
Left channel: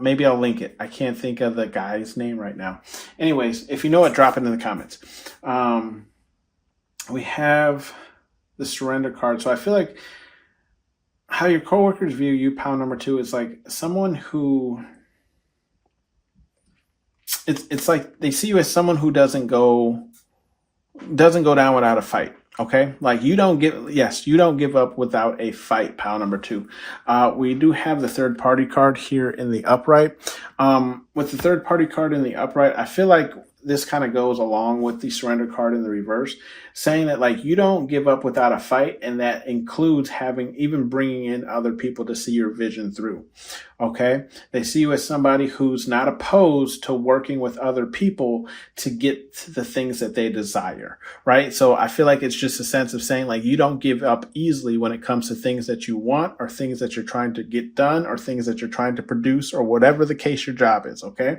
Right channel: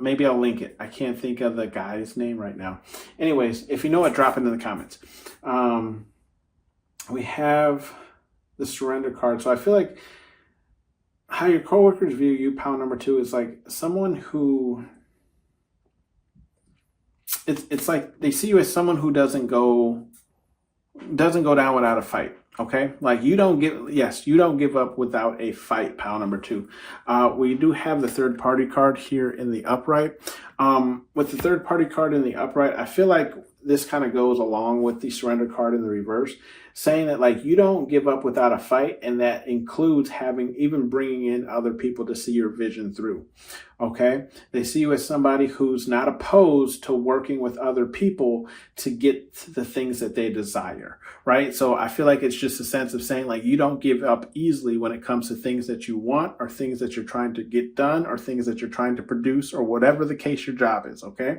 Maybe I'll link it. I can't think of the guy's name right now. Anyways, if you know it, drop it in the comments. We have the surrender card. So I feel like how your coworkers view you, pound number 2, is like someone who, it's like they see you as someone who doesn't go down without a fight. Okay, like you don't give up without a fight, pound number 2. We do have the third party card here in the upright. With the third party card in the upright, I feel like this kind of goes along with the surrender card in the reverse, saying that like you don't give up without a fight, and that includes even bringing in other people to see your vision through. Okay, they see you as somebody who's not opposed to working with other people to get the things that they desire, right? So I feel like it's just a sense of saying like you don't give up easily when it comes to things that you want, or things that you're trying to get done, or things that you're trying to produce, or whatever the case your job is. Okay.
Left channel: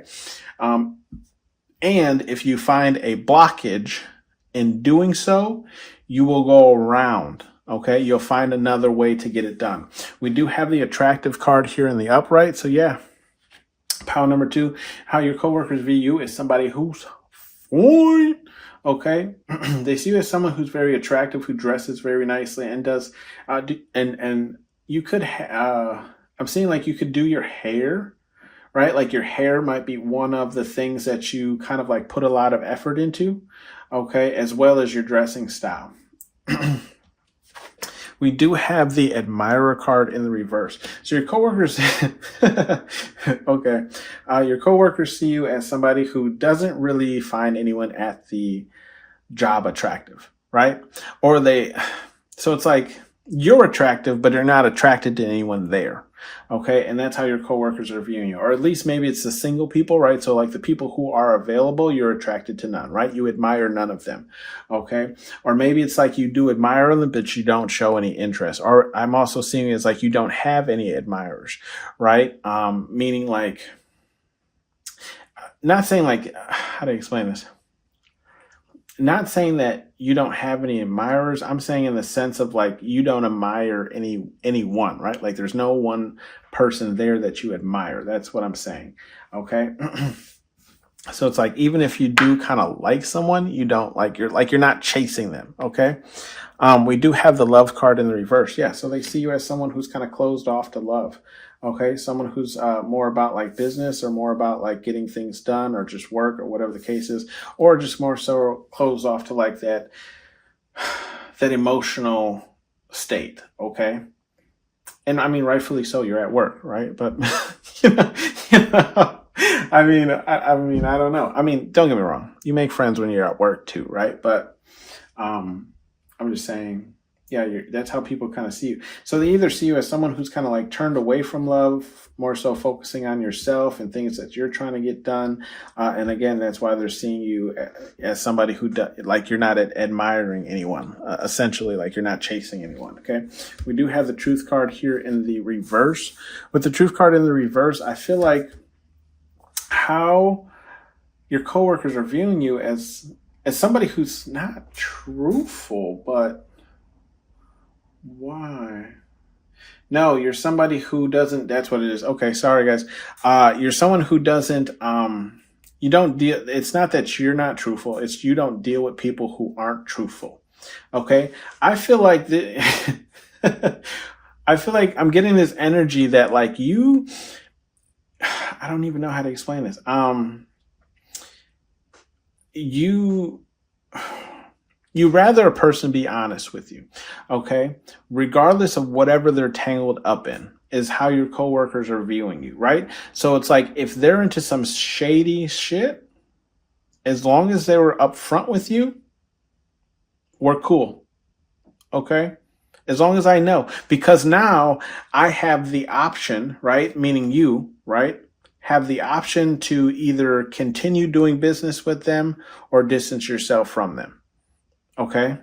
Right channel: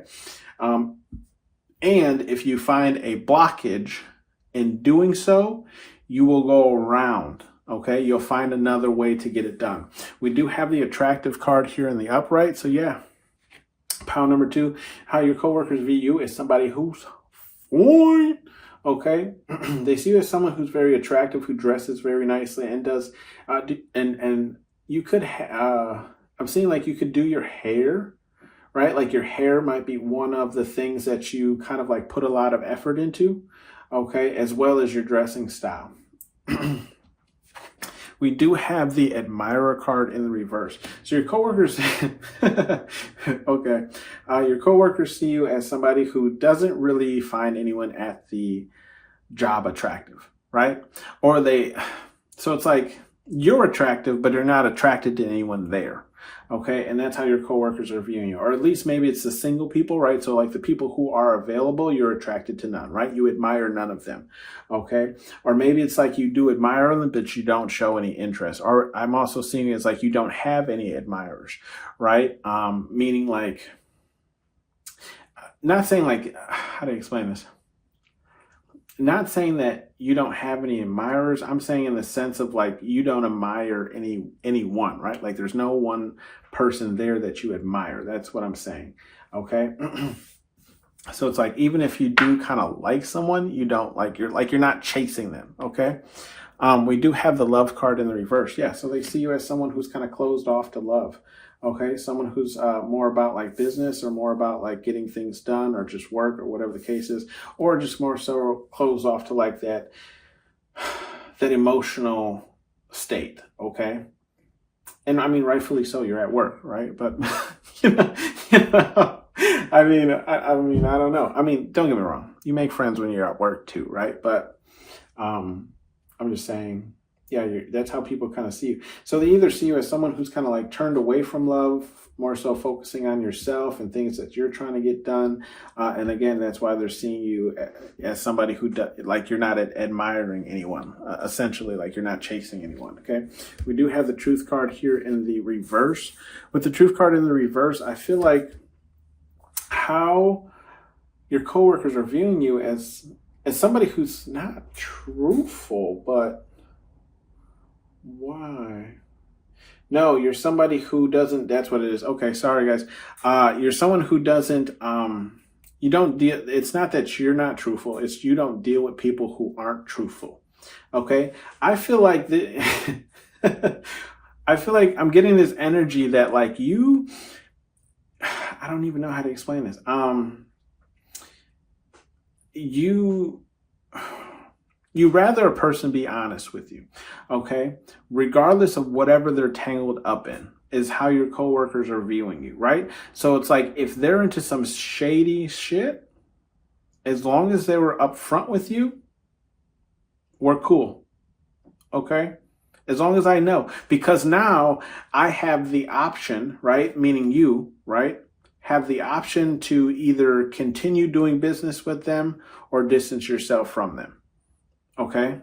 And if you find a blockage in doing so, you will go around. Okay, you'll find another way to get it done. We do have the attractive card here in the upright. So yeah, pound number 2, how your coworkers view you is somebody who's fine. Okay, they see you as someone who's very attractive, who dresses very nicely, and does and you could I'm seeing like you could do your hair. Right? Like your hair might be one of the things that you kind of like put a lot of effort into, okay, as well as your dressing style. We do have the admirer card in the reverse. So your coworkers, okay, your coworkers see you as somebody who doesn't really find anyone at the job attractive, right? So it's like you're attractive, but you're not attracted to anyone there. Okay. And that's how your coworkers are viewing you. Or at least maybe it's the single people, right? So like the people who are available, you're attracted to none, right? You admire none of them. Okay. Or maybe it's like you do admire them, but you don't show any interest. Or I'm also seeing it as like you don't have any admirers, right? Meaning like, not saying like, how do I explain this? Not saying that you don't have any admirers. I'm saying in the sense of like you don't admire anyone, right? Like there's no one person there that you admire. That's what I'm saying. Okay. So it's like even if you do kind of like someone, you don't like you're not chasing them. Okay. We do have the love card in the reverse. Yeah. So they see you as someone who's kind of closed off to love. Okay. Someone who's more about like business or more about like getting things done or just work or whatever the case is, or just more so closed off to like that emotional state. Okay. And I mean, rightfully so, you're at work, right? But, you know, I mean, I don't know. I mean, don't get me wrong. You make friends when you're at work too, right? But I'm just saying, yeah, that's how people kind of see you. So they either see you as someone who's kind of like turned away from love, more so focusing on yourself and things that you're trying to get done. And again, that's why they're seeing you as somebody who like you're not admiring anyone, essentially, like you're not chasing anyone. Okay. We do have the truth card here in the reverse. With the truth card in the reverse, I feel like how your coworkers are viewing you as somebody who's not truthful, but why? No, you're somebody who doesn't, that's what it is. Okay, sorry guys. You're someone who doesn't, you don't deal, it's not that you're not truthful, it's you don't deal with people who aren't truthful. Okay? I feel like I feel like I'm getting this energy that like you, I don't even know how to explain this. You rather a person be honest with you, okay? Regardless of whatever they're tangled up in, is how your coworkers are viewing you, right? So it's like if they're into some shady shit, as long as they were upfront with you, we're cool, okay? As long as I know, because now I have the option, right? Meaning you, right? Have the option to either continue doing business with them or distance yourself from them. Okay.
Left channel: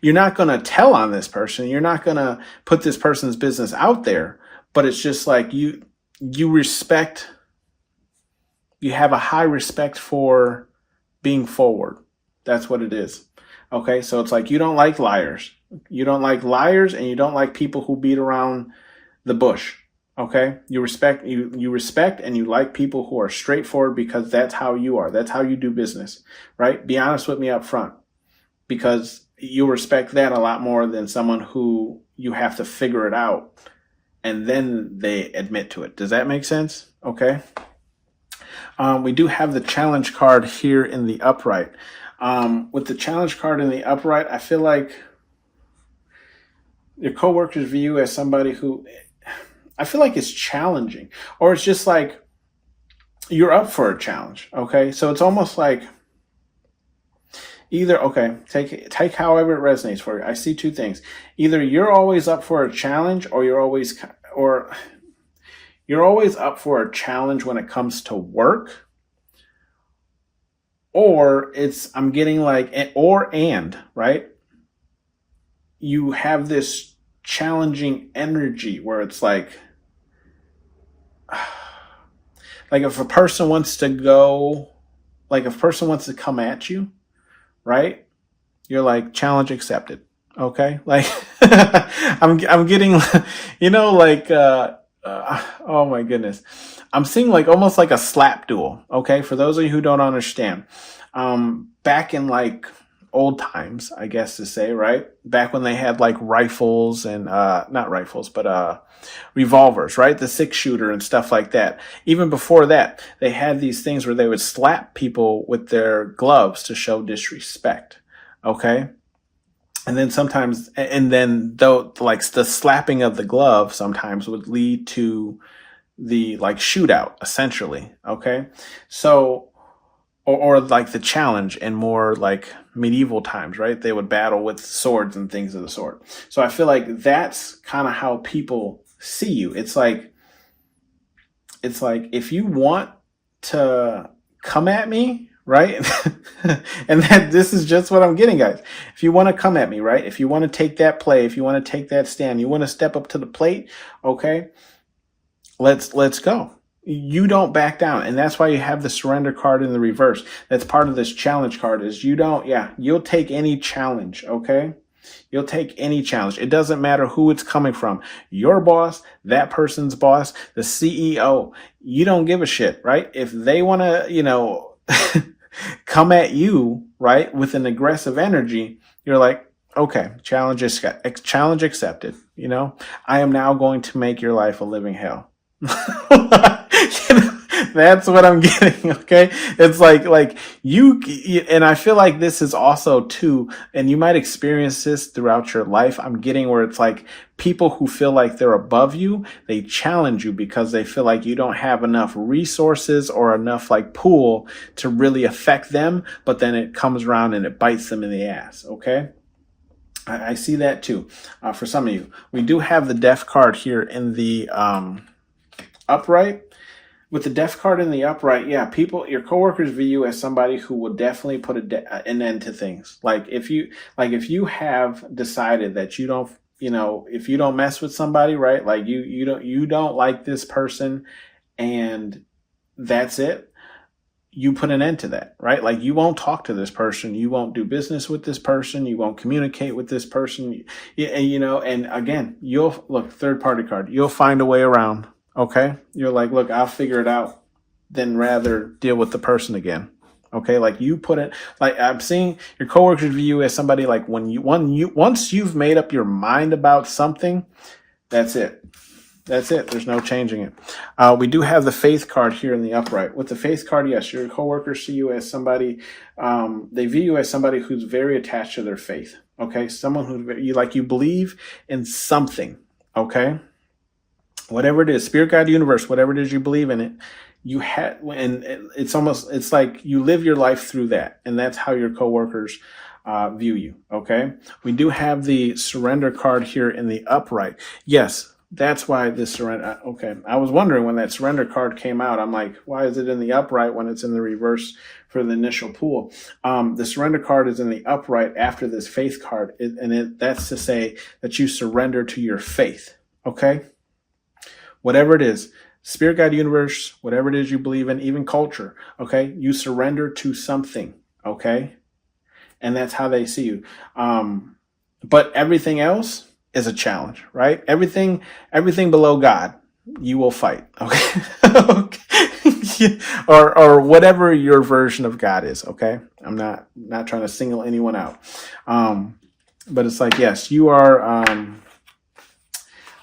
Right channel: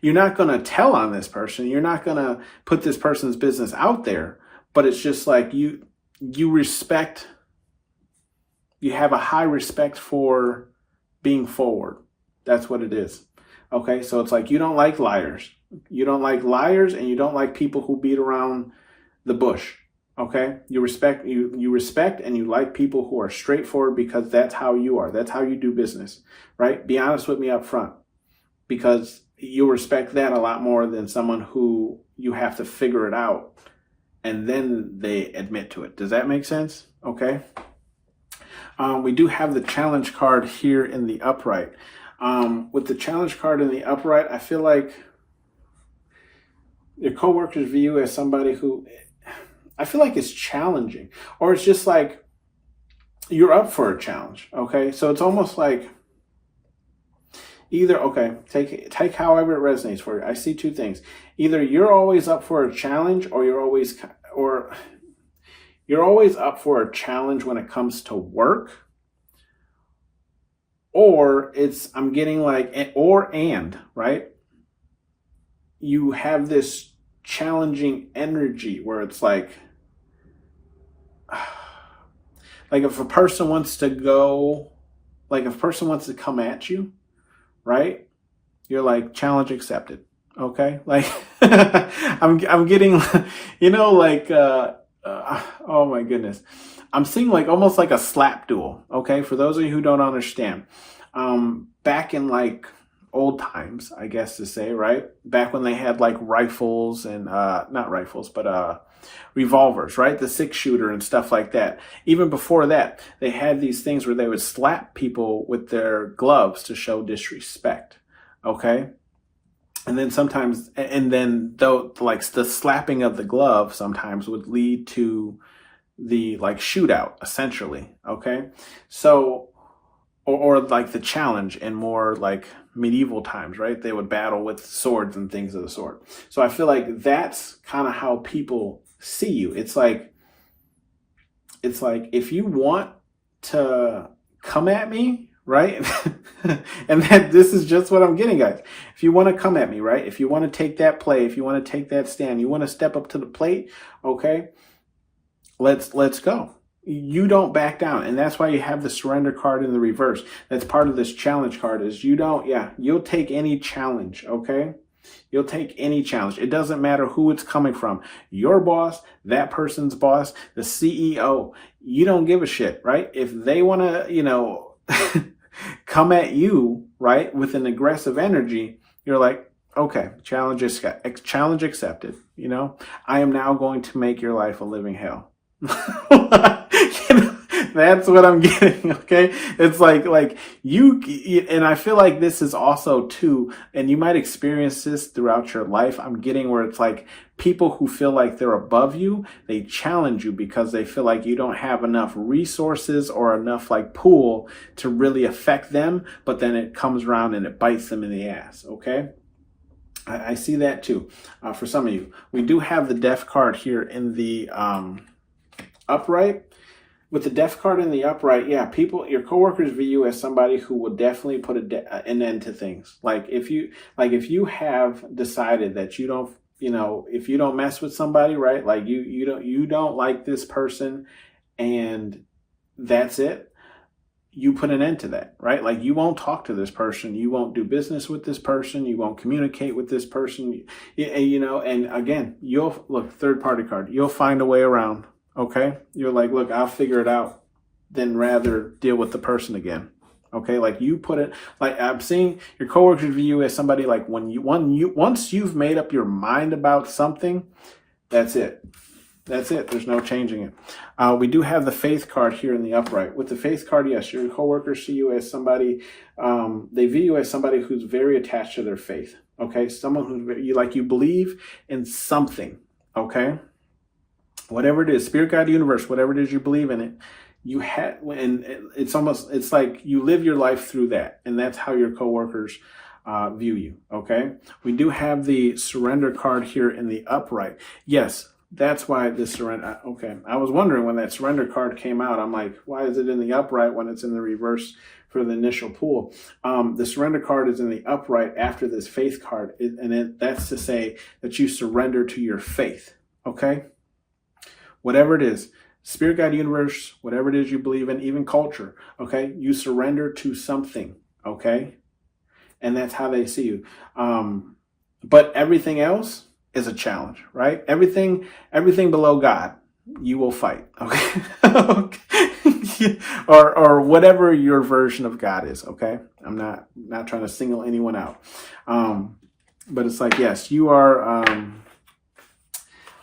You're not going to tell on this person. You're not going to put this person's business out there, but it's just like you respect, you have a high respect for being forward. That's what it is. Okay. So it's like, you don't like liars. You don't like liars and you don't like people who beat around the bush. Okay. You respect and you like people who are straightforward because that's how you are. That's how you do business, right? Be honest with me up front. Because you respect that a lot more than someone who you have to figure it out and then they admit to it. Does that make sense? Okay. We do have the challenge card here in the upright. With the challenge card in the upright, I feel like your coworkers view you as somebody who, I feel like it's challenging, or it's just like you're up for a challenge. Okay. So it's almost like, either, okay, take however it resonates for you. I see two things. Either you're always up for a challenge or you're always up for a challenge when it comes to work. Or it's, I'm getting like, right? You have this challenging energy where it's like if a person wants to come at you, right? You're like, challenge accepted. Okay. Like I'm getting, oh my goodness. I'm seeing like almost like a slap duel. Okay. For those of you who don't understand, back in like old times, I guess to say, right? Back when they had like rifles and, not rifles, but, revolvers, right? The 6-shooter and stuff like that. Even before that, they had these things where they would slap people with their gloves to show disrespect. Okay. And then though, like the slapping of the glove sometimes would lead to the like shootout essentially. Okay. So, or like the challenge in more like medieval times, right? They would battle with swords and things of the sort. So I feel like that's kind of how people see you. It's like if you want to come at me, right? And that this is just what I'm getting, guys. If you want to come at me, right? If you want to take that play, if you want to take that stand, you want to step up to the plate, okay? Let's go. You don't back down. And that's why you have the surrender card in the reverse. That's part of this challenge card is you'll take any challenge, okay? You'll take any challenge. It doesn't matter who it's coming from. Your boss, that person's boss, the CEO. You don't give a shit, right? If they want to, come at you, right, with an aggressive energy, you're like, okay, challenge accepted. I am now going to make your life a living hell. That's what I'm getting. Okay. It's like you, and I feel like this is also too, and you might experience this throughout your life. I'm getting where it's like people who feel like they're above you, they challenge you because they feel like you don't have enough resources or enough like pool to really affect them. But then it comes around and it bites them in the ass. Okay. I see that too. For some of you, we do have the death card here in the, upright. With the death card in the upright, yeah, your coworkers view you as somebody who will definitely put an end to things. Like if you have decided that you don't, if you don't mess with somebody, right? Like you don't like this person, and that's it. You put an end to that, right? Like you won't talk to this person, you won't do business with this person, you won't communicate with this person, and again, you'll look, third party card, you'll find a way around. Okay. You're like, look, I'll figure it out than rather deal with the person again. Okay. Like you put it, like I'm seeing your coworkers view you as somebody like once you've made up your mind about something, that's it. That's it. There's no changing it. We do have the faith card here in the upright. With the faith card, yes, your coworkers see you as somebody, they view you as somebody who's very attached to their faith. Okay. Someone who you believe in something. Okay. Whatever it is, spirit, God, universe, whatever it is you believe in it, and it's like you live your life through that. And that's how your coworkers view you. Okay. We do have the surrender card here in the upright. Yes. That's why this surrender. Okay. I was wondering when that surrender card came out, I'm like, why is it in the upright when it's in the reverse for the initial pool? The surrender card is in the upright after this faith card. That's to say that you surrender to your faith. Okay. Whatever it is, spirit, God, universe, whatever it is you believe in, even culture, okay? You surrender to something, okay? And that's how they see you. But everything else is a challenge, right? Everything below God, you will fight, okay? Okay. or whatever your version of God is, okay? I'm not trying to single anyone out. But it's like, yes, you are...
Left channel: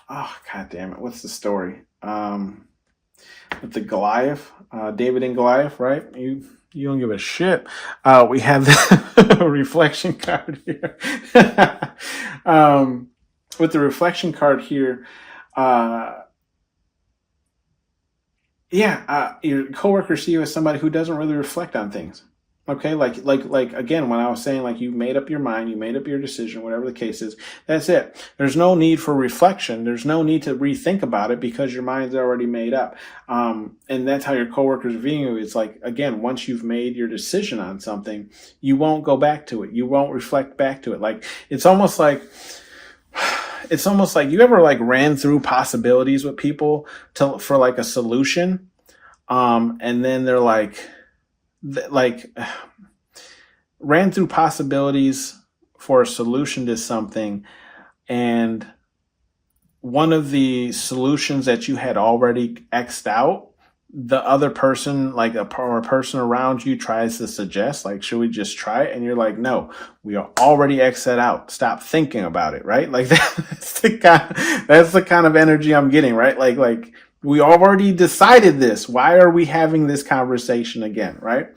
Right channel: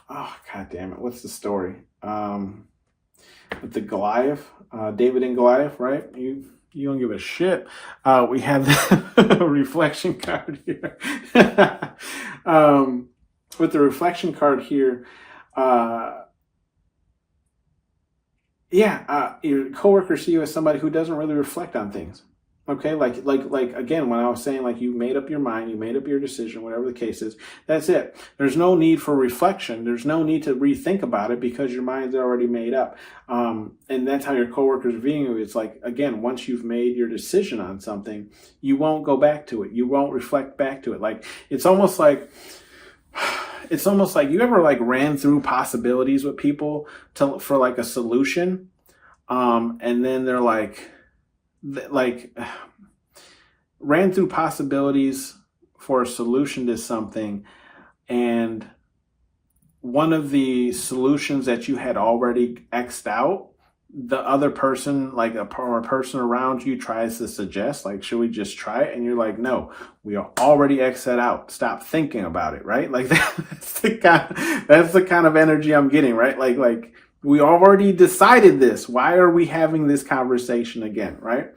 oh, God damn it. What's the story? With the Goliath, David and Goliath, right? You don't give a shit. We have the reflection card here. With the reflection card here, your coworkers see you as somebody who doesn't really reflect on things. Okay, like again, when I was saying like you made up your mind, you made up your decision, whatever the case is, that's it. There's no need for reflection. There's no need to rethink about it because your mind's already made up. And that's how your coworkers view you. It's like, again, once you've made your decision on something, you won't go back to it. You won't reflect back to it. Like it's almost like you ever like ran through possibilities with people for like a solution, and then they're like ran through possibilities for a solution to something, and one of the solutions that you had already X'd out, the other person, like a person around you tries to suggest, like, should we just try it? And you're like, no, we are already X'd that out. Stop thinking about it, right? Like that's the kind of energy I'm getting, right? Like we already decided this. Why are we having this conversation again, right?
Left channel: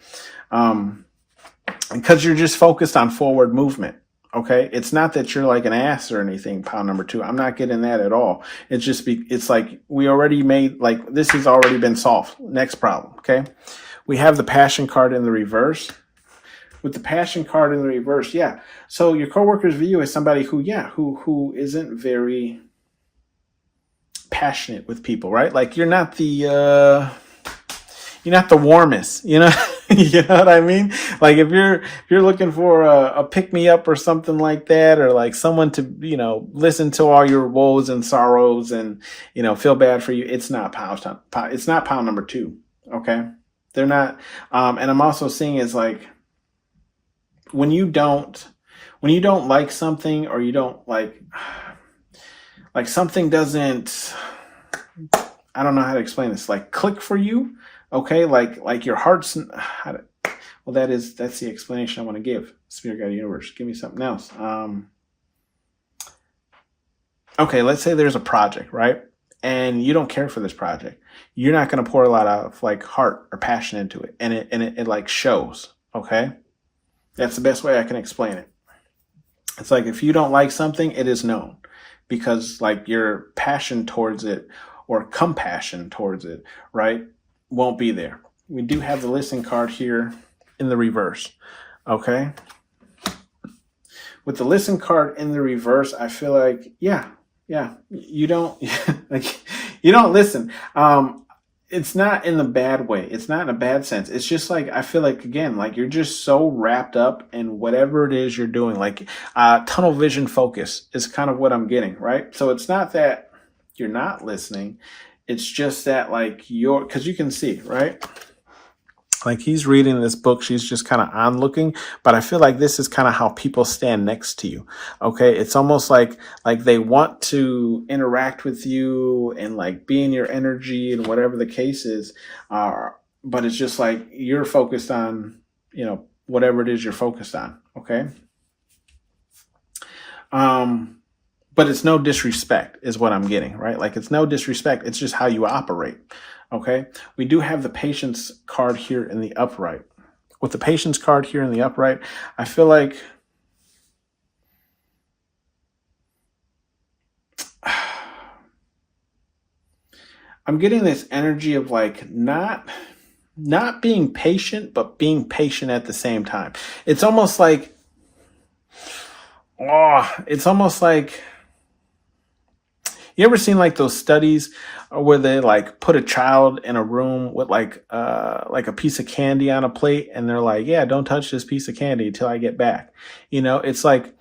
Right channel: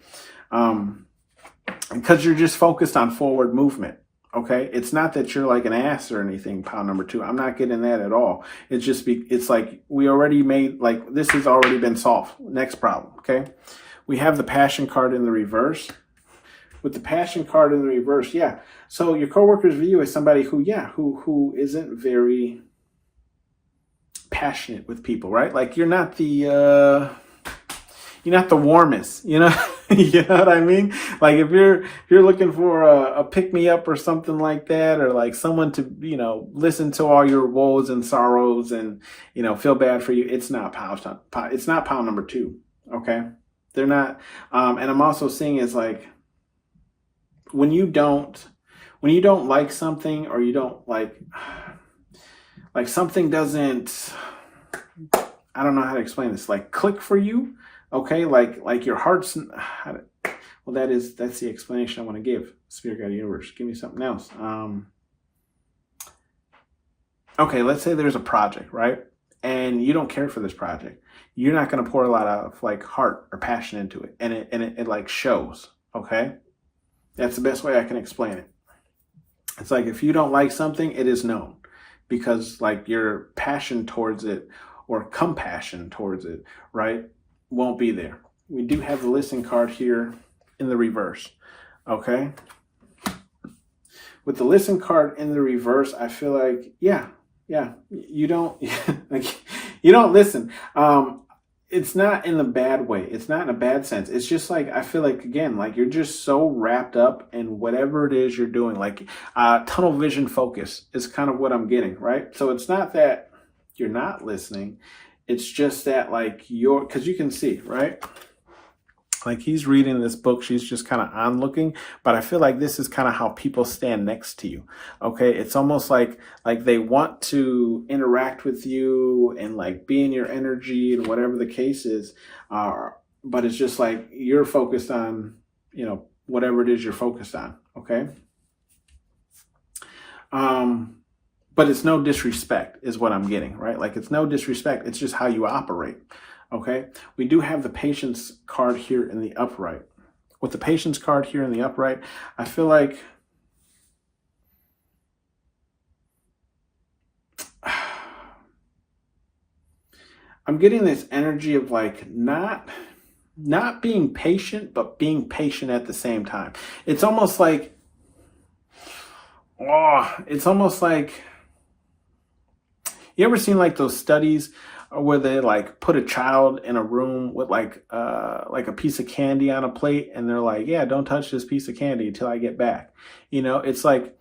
Because you're just focused on forward movement. Okay. It's not that you're like an ass or anything, pound number 2. I'm not getting that at all. It's just, it's like we already made, like, this has already been solved. Next problem. Okay. We have the passion card in the reverse. With the passion card in the reverse. Yeah. So your coworkers view you as somebody who isn't very passionate with people, right? Like you're not the warmest, you know. You know what I mean? Like if you're looking for a pick me up or something like that, or like someone to, you know, listen to all your woes and sorrows and, you know, feel bad for you, it's not pound number 2. Okay, they're not. And I'm also seeing is like when you don't like something, or you don't like something doesn't, I don't know how to explain this, like click for you. Okay, like your heart's, well, that's the explanation I want to give. Spirit Guide Universe, give me something else. Okay, let's say there's a project, right? And you don't care for this project. You're not going to pour a lot of like heart or passion into it, and it like shows. Okay, that's the best way I can explain it. It's like if you don't like something, it is known, because like your passion towards it or compassion towards it, right, won't be there. We do have the listening card here in the reverse. Okay, with the listen card in the reverse, I feel like you don't like you don't listen. It's not in a bad way. It's not in a bad sense. It's just like, I feel like, again, like you're just so wrapped up in whatever it is you're doing. Like tunnel vision focus is kind of what I'm getting, right? So it's not that you're not listening. It's just that like because you can see, right? Like he's reading this book, she's just kind of onlooking, but I feel like this is kind of how people stand next to you. Okay, it's almost like they want to interact with you and like be in your energy and whatever the case is, but it's just like you're focused on, you know, whatever it is you're focused on. Okay, but it's no disrespect is what I'm getting, right? Like it's no disrespect, it's just how you operate. Okay, we do have the patience card here in the upright. With the patience card here in the upright, I feel like I'm getting this energy of like not being patient, but being patient at the same time. It's almost like, you ever seen like those studies where they like put a child in a room with like a piece of candy on a plate, and they're like, yeah, don't touch this piece of candy until I get back. You know, it's like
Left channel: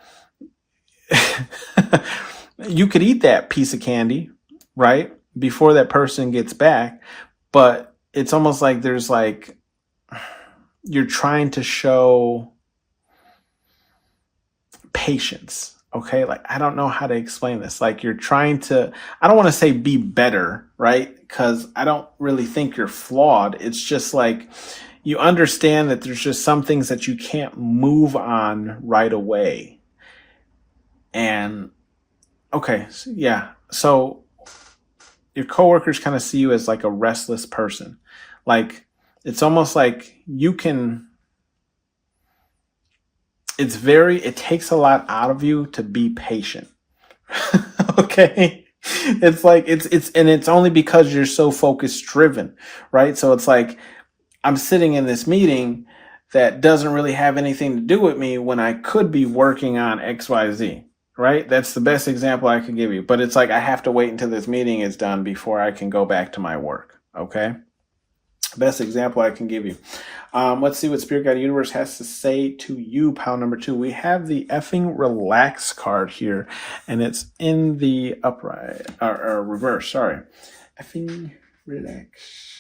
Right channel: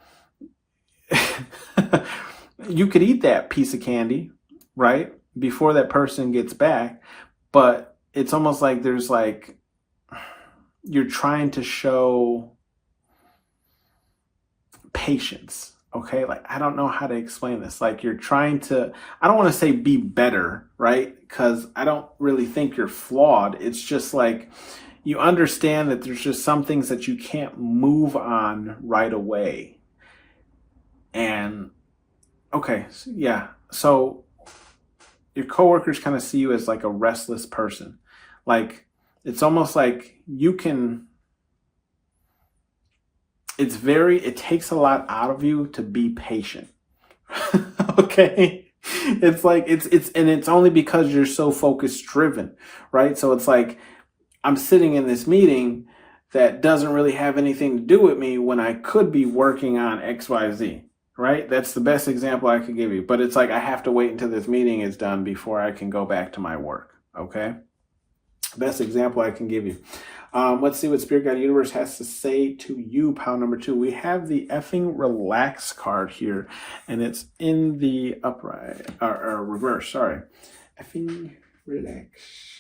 you could eat that piece of candy, right, before that person gets back, but it's almost like there's like you're trying to show patience. Okay, like I don't know how to explain this. Like you're trying to, I don't want to say be better, right? Because I don't really think you're flawed. It's just like you understand that there's just some things that you can't move on right away. And okay, yeah. So your coworkers kind of see you as like a restless person. Like it's almost like you can, it takes a lot out of you to be patient. Okay. It's like, it's only because you're so focus driven, right? So it's like, I'm sitting in this meeting that doesn't really have anything to do with me when I could be working on XYZ, right? That's the best example I can give you. But it's like, I have to wait until this meeting is done before I can go back to my work. Okay. Best example I can give you. Let's see what Spirit Guide Universe has to say to you, pound number 2. We have the effing relax card here, and it's in the upright, or reverse, sorry. Effing relax.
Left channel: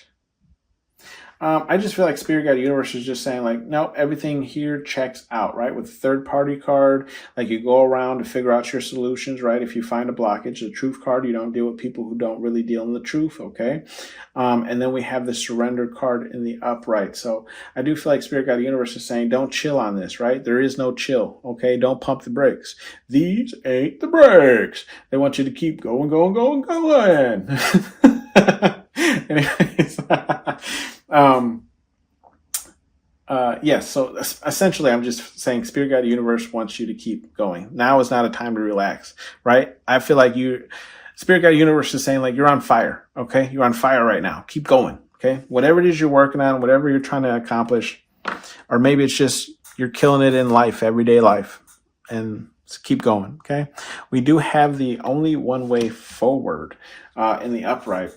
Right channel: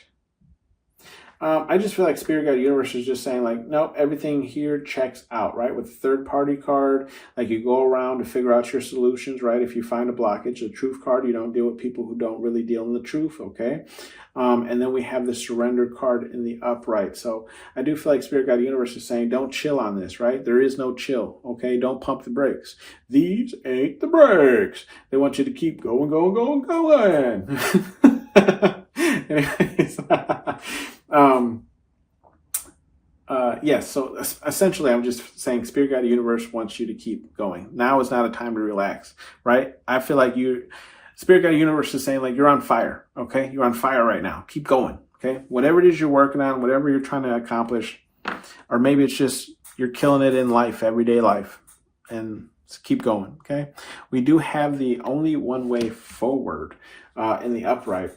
I just feel like Spirit Guide Universe is just saying like, nope, everything here checks out, right? With the third party card, like you go around to figure out your solutions, right? If you find a blockage, the truth card, you don't deal with people who don't really deal in the truth, okay? And then we have the surrender card in the upright. So I do feel like Spirit Guide Universe is saying, don't chill on this, right? There is no chill, okay? Don't pump the brakes. These ain't the brakes. They want you to keep going. Anyways, yes, so essentially I'm just saying Spirit Guide Universe wants you to keep going. Now is not a time to relax, right? I feel like Spirit Guide Universe is saying like you're on fire, okay? You're on fire right now. Keep going, okay? Whatever it is you're working on, whatever you're trying to accomplish, or maybe it's just you're killing it in life, everyday life, and So keep going, okay? We do have the only one way forward in the upright.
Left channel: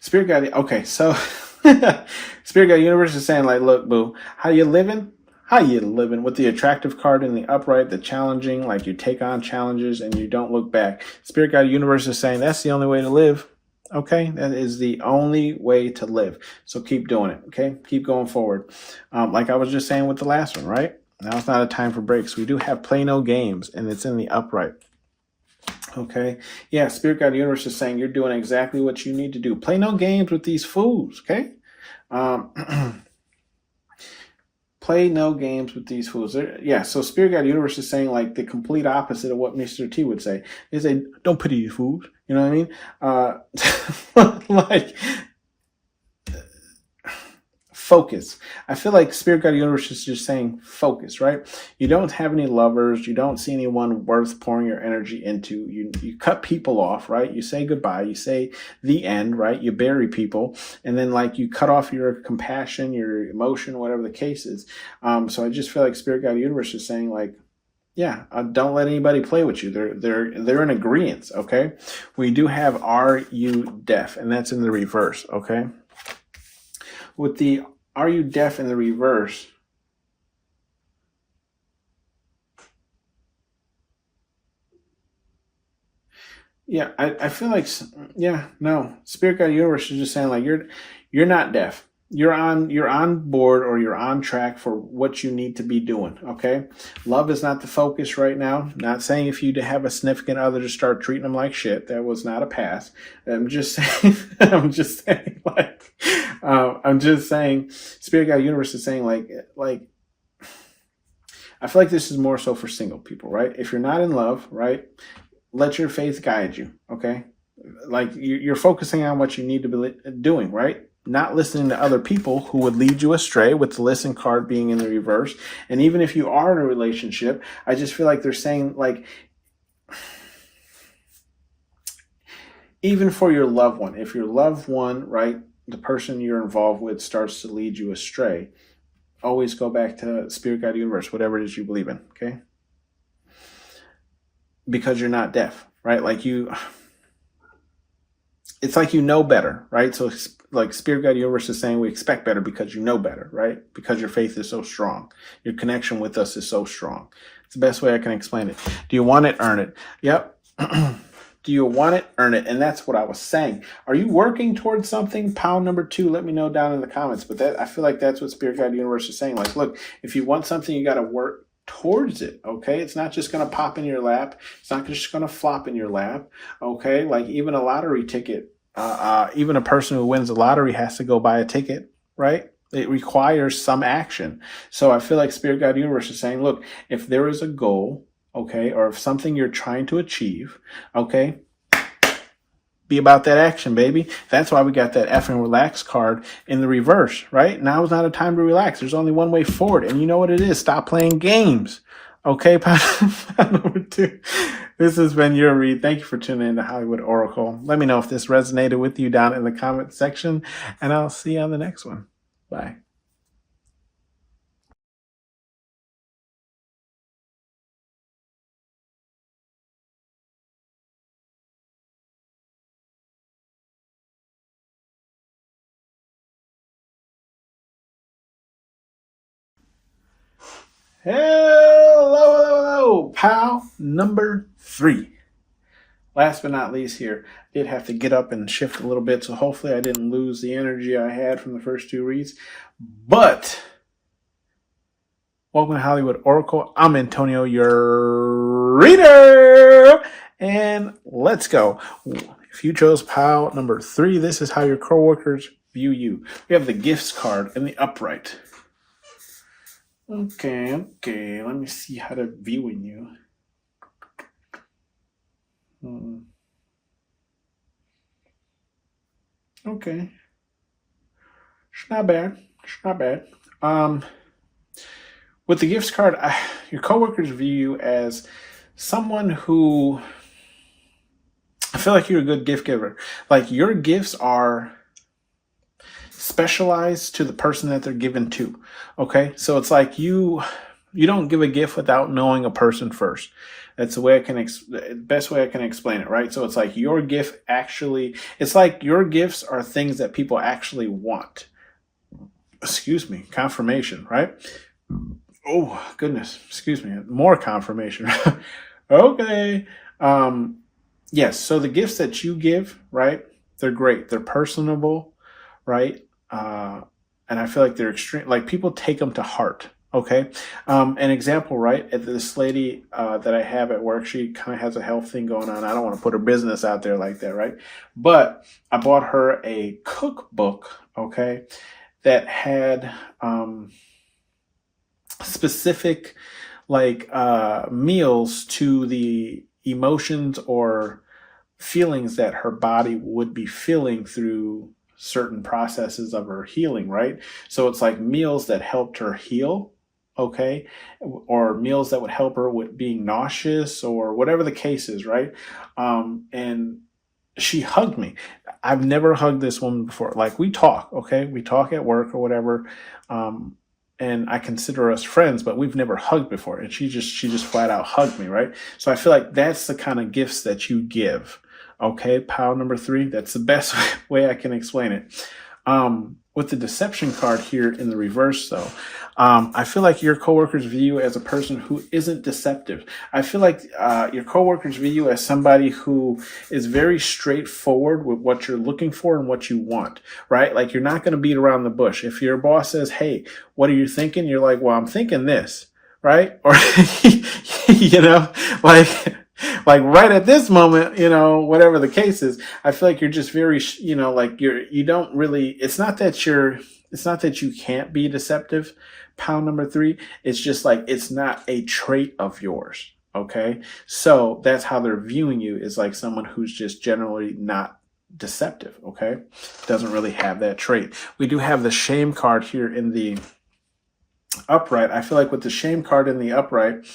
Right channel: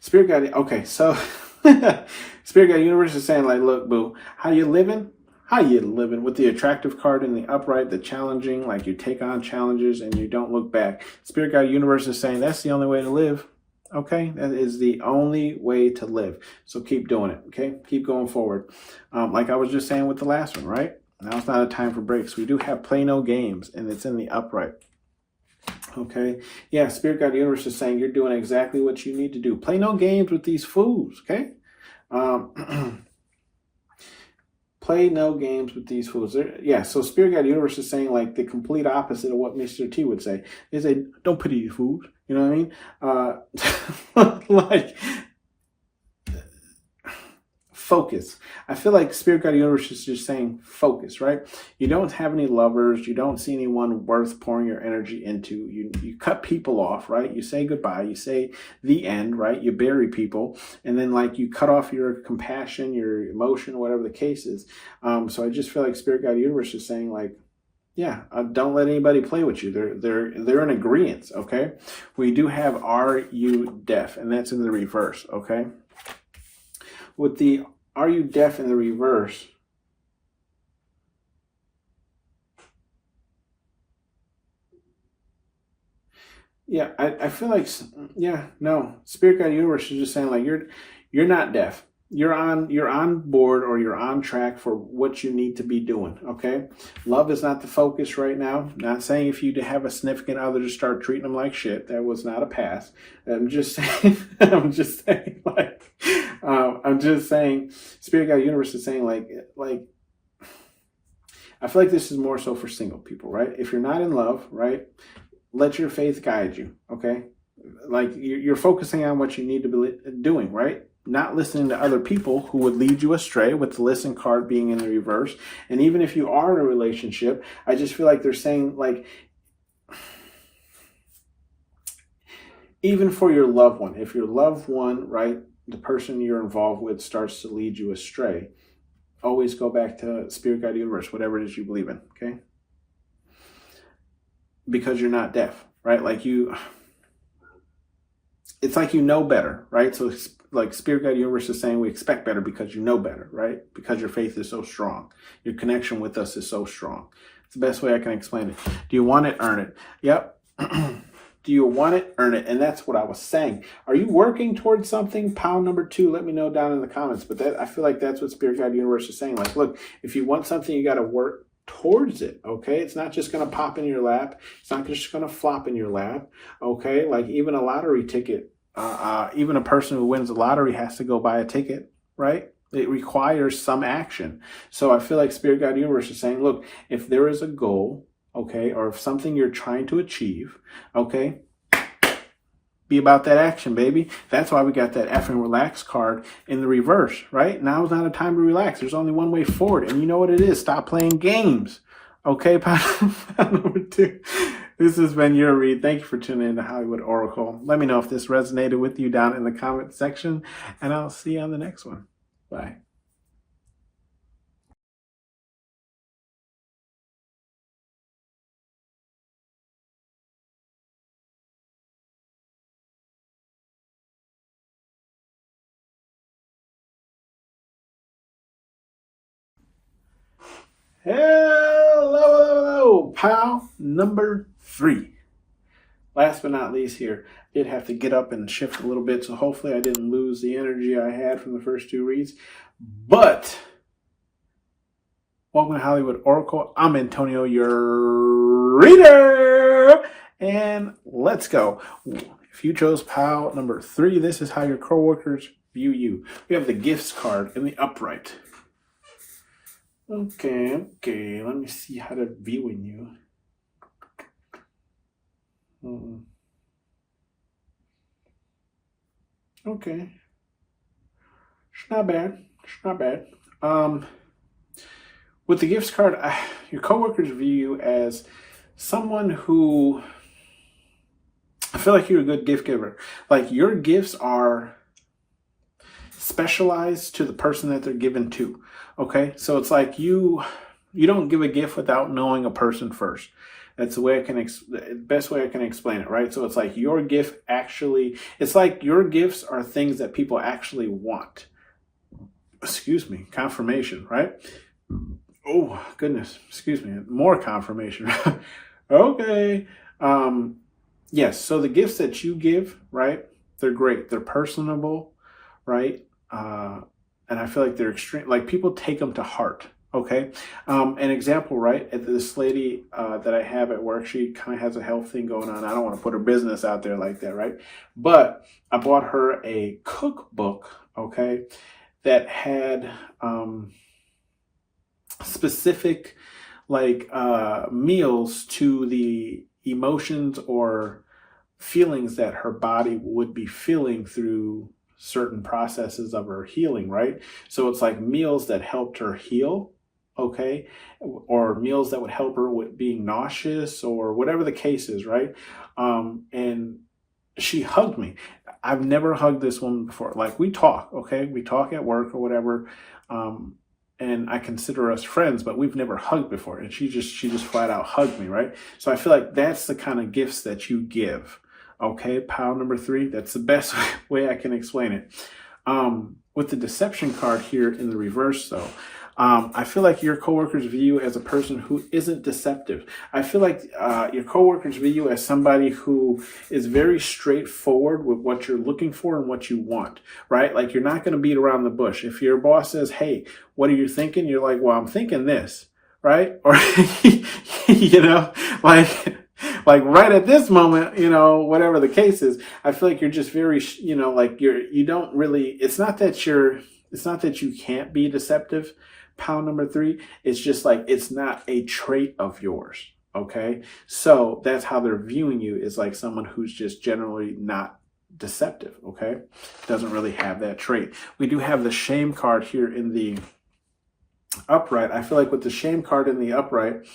Spirit guide, okay, so Spirit guide universe is saying like, look, boo, how you living? How you living? With the attractive card in the upright, the challenging, like you take on challenges and you don't look back. Spirit guide universe is saying that's the only way to live. Okay, that is the only way to live. So keep doing it. Okay, keep going forward. Like I was just saying with the last one, right? Now it's not a time for breaks. We do have play no games, and it's in the upright. Okay, yeah, Spirit Guide Universe is saying you're doing exactly what you need to do. Play no games with these fools. Okay, play no games with these fools. Yeah, so Spirit Guide Universe is saying like the complete opposite of what Mr. T would say. They say, don't pity these fools. You know what I mean? Like, focus. I feel like Spirit Guide Universe is just saying focus, right? You don't have any lovers. You don't see anyone worth pouring your energy into. You cut people off, right? You say goodbye. You say the end, right? You bury people. And then like you cut off your compassion, your emotion, whatever the case is. So I just feel like Spirit Guide Universe is saying like, yeah, don't let anybody play with you. They're in agreement, okay? We do have Are You Deaf? And that's in the reverse, okay? With the Are You Deaf in the reverse, yeah, I feel like, yeah, no. Spirit Guide Universe is just saying like you're not deaf. You're on board, or you're on track for what you need to be doing, okay? Love is not the focus right now. Not saying if you have a significant other to start treating them like shit. That was not a pass. I'm just saying, I'm just saying, Spirit Guide Universe is saying like, I feel like this is more so for single people, right? If you're not in love, right, let your faith guide you, okay? Like you're focusing on what you need to be doing, right? Not listening to other people who would lead you astray, with the listen card being in the reverse. And even if you are in a relationship, I just feel like they're saying like, even for your loved one, if your loved one, right, the person you're involved with starts to lead you astray, always go back to Spirit Guide Universe, whatever it is you believe in, okay? Because you're not deaf, right? Like it's like you know better, right? So like Spirit Guide Universe is saying we expect better because you know better, right? Because your faith is so strong. Your connection with us is so strong. It's the best way I can explain it. Do you want it? Earn it. Yep. Do you want it? Earn it. And that's what I was saying. Are you working towards something? Pound number 2, let me know down in the comments. But I feel like that's what Spirit Guide Universe is saying. Like, look, if you want something, you got to work towards it, okay? It's not just going to pop in your lap. It's not just going to flop in your lap, okay? Like even a lottery ticket, even a person who wins the lottery has to go buy a ticket, right? It requires some action. So I feel like Spirit Guide Universe is saying, look, if there is a goal, okay, or if something you're trying to achieve, okay, be about that action, baby. That's why we got that effing relax card in the reverse, right? Now is not a time to relax. There's only one way forward. And you know what it is? Stop playing games. Okay, number 2. This has been your read. Thank you for tuning in to Hollywood Oracle. Let me know if this resonated with you down in the comment section, and I'll see you on the next one. Bye. Hello, pal number 3. Last but not least here, I did have to get up and shift a little bit, so hopefully I didn't lose the energy I had from the first 2 reads. But welcome to Hollywood Oracle. I'm Antonio, your reader, and let's go. If you chose pile number 3, this is how your coworkers view you. We have the gifts card in the upright. Okay, let me see how they're viewing you. Okay. It's not bad. With the gifts card, your coworkers view you as someone who, I feel like you're a good gift giver. Like your gifts are specialized to the person that they're given to. Okay, so it's like you you don't give a gift without knowing a person first. That's the way I can, best way I can explain it, right? So it's like your gift actually, it's like your gifts are things that people actually want. Excuse me, confirmation, right? Oh, goodness, excuse me, more confirmation. Okay. Yes, so the gifts that you give, right, they're great. They're personable, right? And I feel like they're extreme, like people take them to heart. Okay. An example, right? This lady that I have at work, she kind of has a health thing going on. I don't want to put her business out there like that, right? But I bought her a cookbook, okay, that had specific like meals to the emotions or feelings that her body would be feeling through certain processes of her healing, right? So it's like meals that helped her heal, okay, or meals that would help her with being nauseous or whatever the case is, right? And she hugged me. I've never hugged this woman before. Like we talk, okay, we talk at work or whatever, and I consider us friends, but we've never hugged before. And she just flat out hugged me, right? So I feel like that's the kind of gifts that you give. Okay, pile number 3. That's the best way I can explain it. With the deception card here in the reverse, though, I feel like your coworkers view you as a person who isn't deceptive. I feel like your coworkers view you as somebody who is very straightforward with what you're looking for and what you want, right? Like you're not going to beat around the bush. If your boss says, "Hey, what are you thinking?" You're like, "Well, I'm thinking this," right? Or, you know, like right at this moment, you know, whatever the case is, I feel like you're just very, you know, like you don't really, it's not that you can't be deceptive, pound number 3. It's just like, it's not a trait of yours. Okay. So that's how they're viewing you, is like someone who's just generally not deceptive. Okay. Doesn't really have that trait. We do have the shame card here in the upright. I feel like with the shame card in the upright,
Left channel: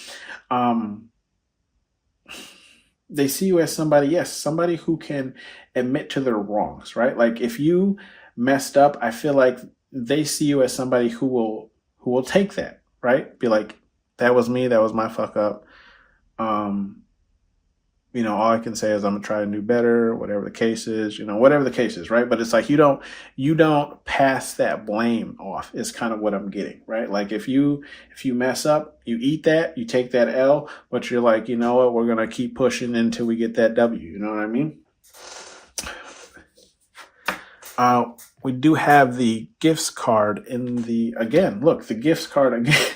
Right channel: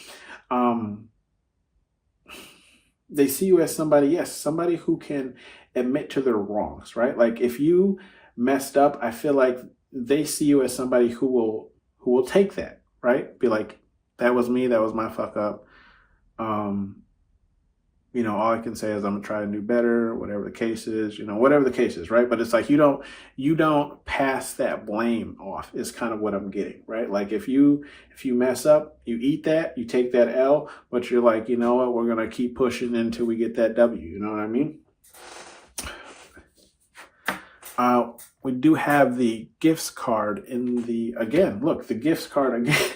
they see you as somebody, yes, somebody who can admit to their wrongs, right? Like if you messed up, I feel like they see you as somebody who will take that, right? Be like, that was me, that was my fuck up. You know, all I can say is I'm gonna try and do better, whatever the case is, you know, whatever the case is, right? But it's like you don't pass that blame off, is kind of what I'm getting, right? Like if you mess up, you eat that, you take that L, but you're like, you know what, we're gonna keep pushing until we get that W, you know what I mean? We do have the gifts card in the, again, look, the gifts card again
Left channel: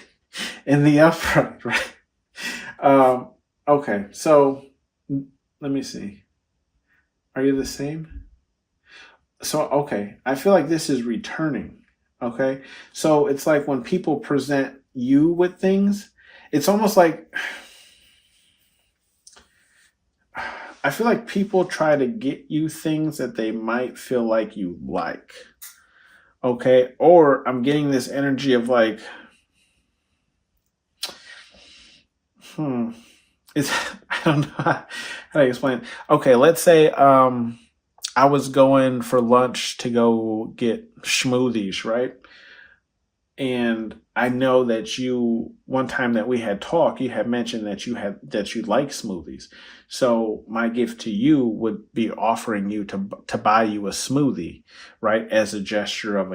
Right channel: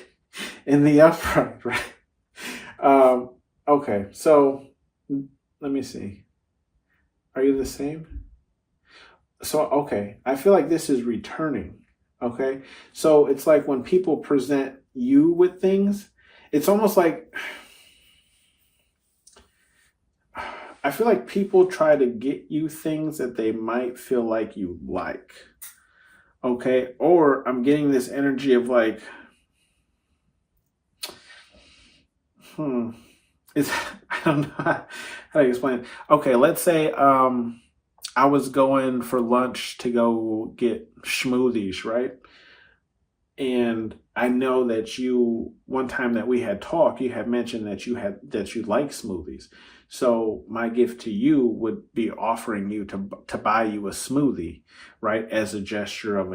in the upright, right? Okay, so let me see. Are you the same? So, okay, I feel like this is returning. Okay, so it's like when people present you with things, it's almost like, I feel like people try to get you things that they might feel like you like. Okay, or I'm getting this energy of like, it's, I don't know how to explain it. Okay, let's say I was going for lunch to go get smoothies, right? And I know that you, one time that we had talked, you had mentioned that you like smoothies. So my gift to you would be offering you to buy you a smoothie, right? As a gesture of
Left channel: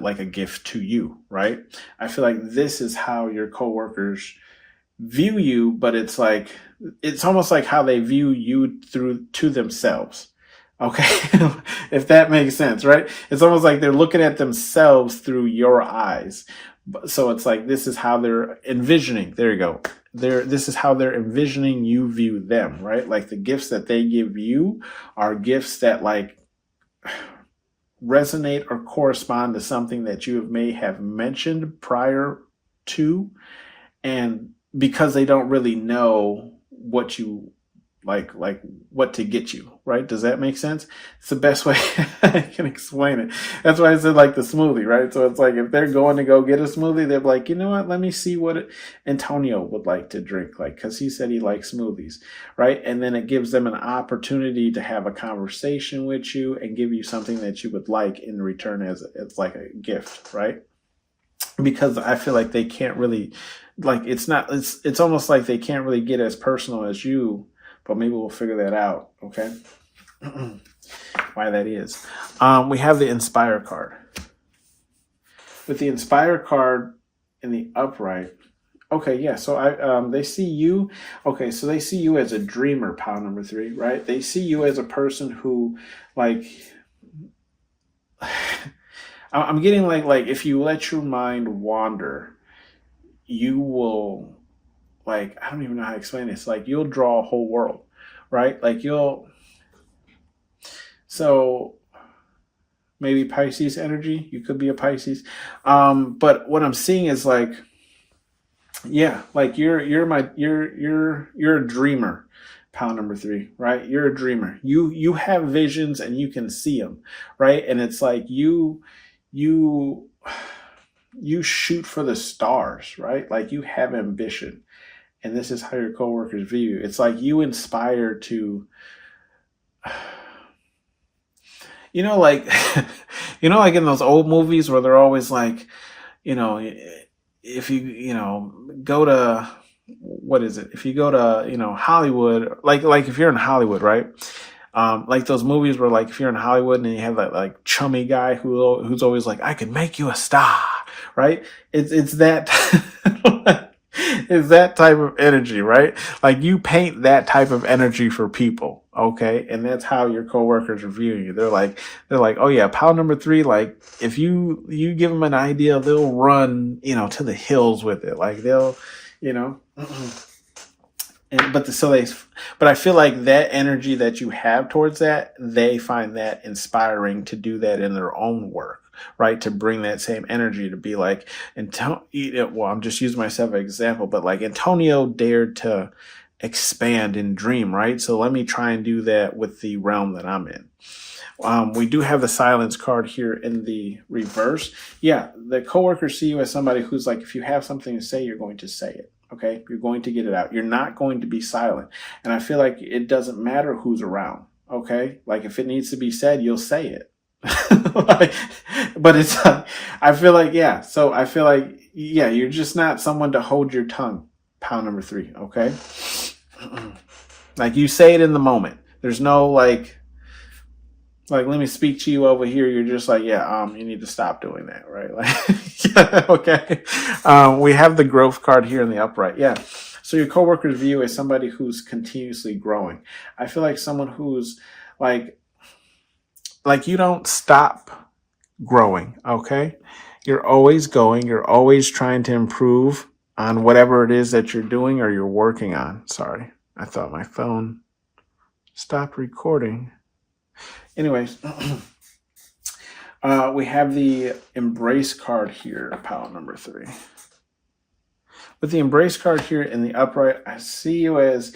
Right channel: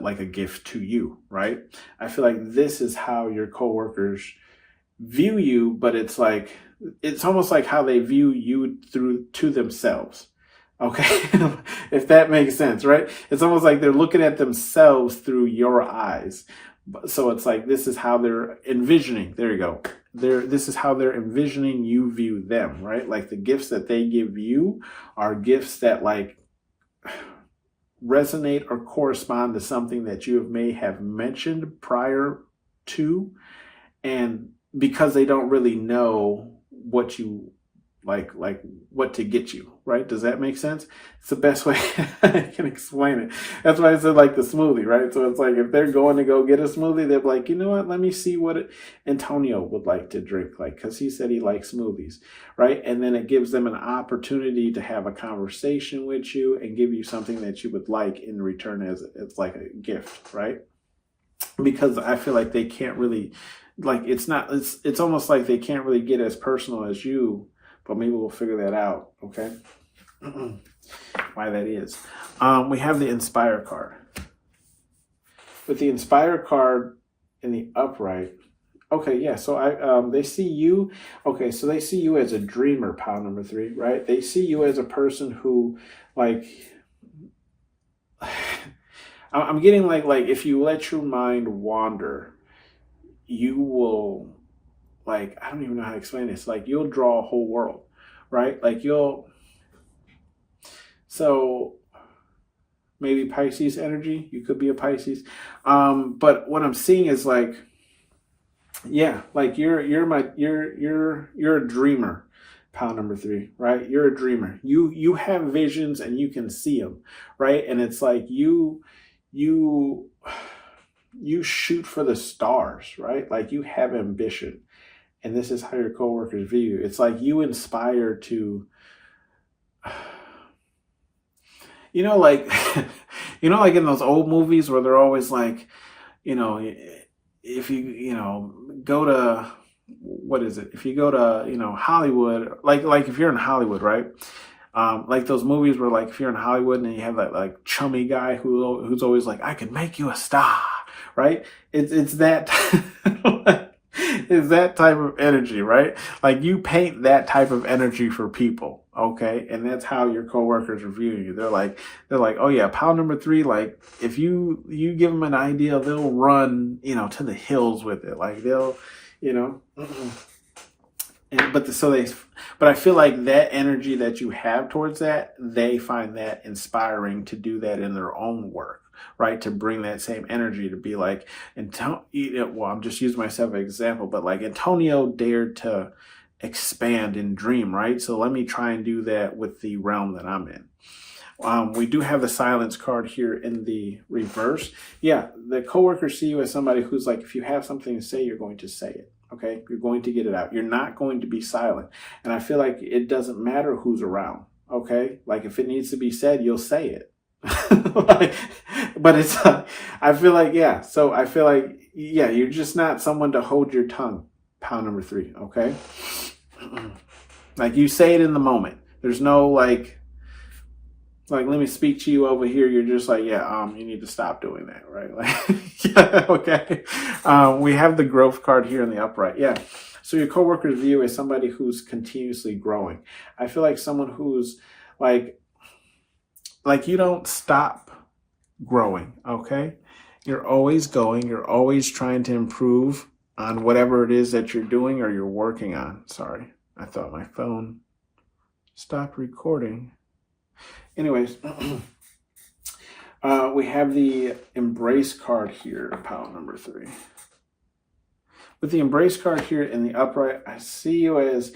like a gift to you, right? I feel like this is how your coworkers view you, but it's like, it's almost like how they view you to themselves. Okay. If that makes sense, right? It's almost like they're looking at themselves through your eyes. So it's like, this is how they're envisioning. There you go. This is how they're envisioning you view them, right? Like the gifts that they give you are gifts that like resonate or correspond to something that you may have mentioned prior to. And because they don't really know what you like what to get you, right? Does that make sense? It's the best way I can explain it. That's why I said like the smoothie, right? So it's like if they're going to go get a smoothie, they're like, you know what? Let me see what Antonio would like to drink, like, because he said he likes smoothies, right? And then it gives them an opportunity to have a conversation with you and give you something that you would like in return as like a gift, right? because I feel like they can't really, like, it's almost like they can't really get as personal as you, but maybe we'll figure that out, okay? Why that is. We have the Inspire card. With the Inspire card in the upright, okay, yeah, so they see you, okay, so they see you as a dreamer, pile number 3, right? They see you as a person who, like, I'm getting like if you let your mind wander, you will, like, I don't even know how to explain this. Like, you'll draw a whole world, right? Like, so maybe Pisces energy. You could be a Pisces, but what I'm seeing is like, yeah, like you're a dreamer. Pile number 3, right? You're a dreamer. You have visions and you can see them, right? And it's like you shoot for the stars, right? Like, you have ambition, and this is how your coworkers view you. It's like you inspire to, like, like in those old movies where they're always like, if you go to, what is it? If you go to, Hollywood, like if you're in Hollywood, right? Like those movies where, like, if you're in Hollywood and you have that, like, chummy guy who's always like, I can make you a star, right? It's that it's that type of energy, right? Like, you paint that type of energy for people, okay? And that's how your coworkers are viewing you. They're like, oh yeah, pile number 3. Like, if you give them an idea, they'll run, to the hills with it. Like, they'll, but I feel like that energy that you have towards that, they find that inspiring to do that in their own work, right? To bring that same energy, to be like, well, I'm just using myself as an example, but like Antonio dared to expand and dream, right? So let me try and do that with the realm that I'm in. We do have the silence card here in the reverse. Yeah, the coworkers see you as somebody who's like, if you have something to say, you're going to say it. Okay, you're going to get it out. You're not going to be silent. And I feel like it doesn't matter who's around. Okay, like if it needs to be said, you'll say it. But it's, I feel like, yeah. So I feel like, yeah, you're just not someone to hold your tongue. Pile number 3. Okay, like, you say it in the moment. There's no like, let me speak to you over here. You're just like, yeah, you need to stop doing that, right? Like, yeah, okay. We have the growth card here in the upright. Yeah. So your coworkers view as somebody who's continuously growing. I feel like someone who's like you don't stop growing, okay? You're always going. You're always trying to improve on whatever it is that you're doing or you're working on. Sorry, I thought my phone stopped recording. Anyways, we have the embrace card here, pile number 3. With the embrace card here in the upright, I see you as,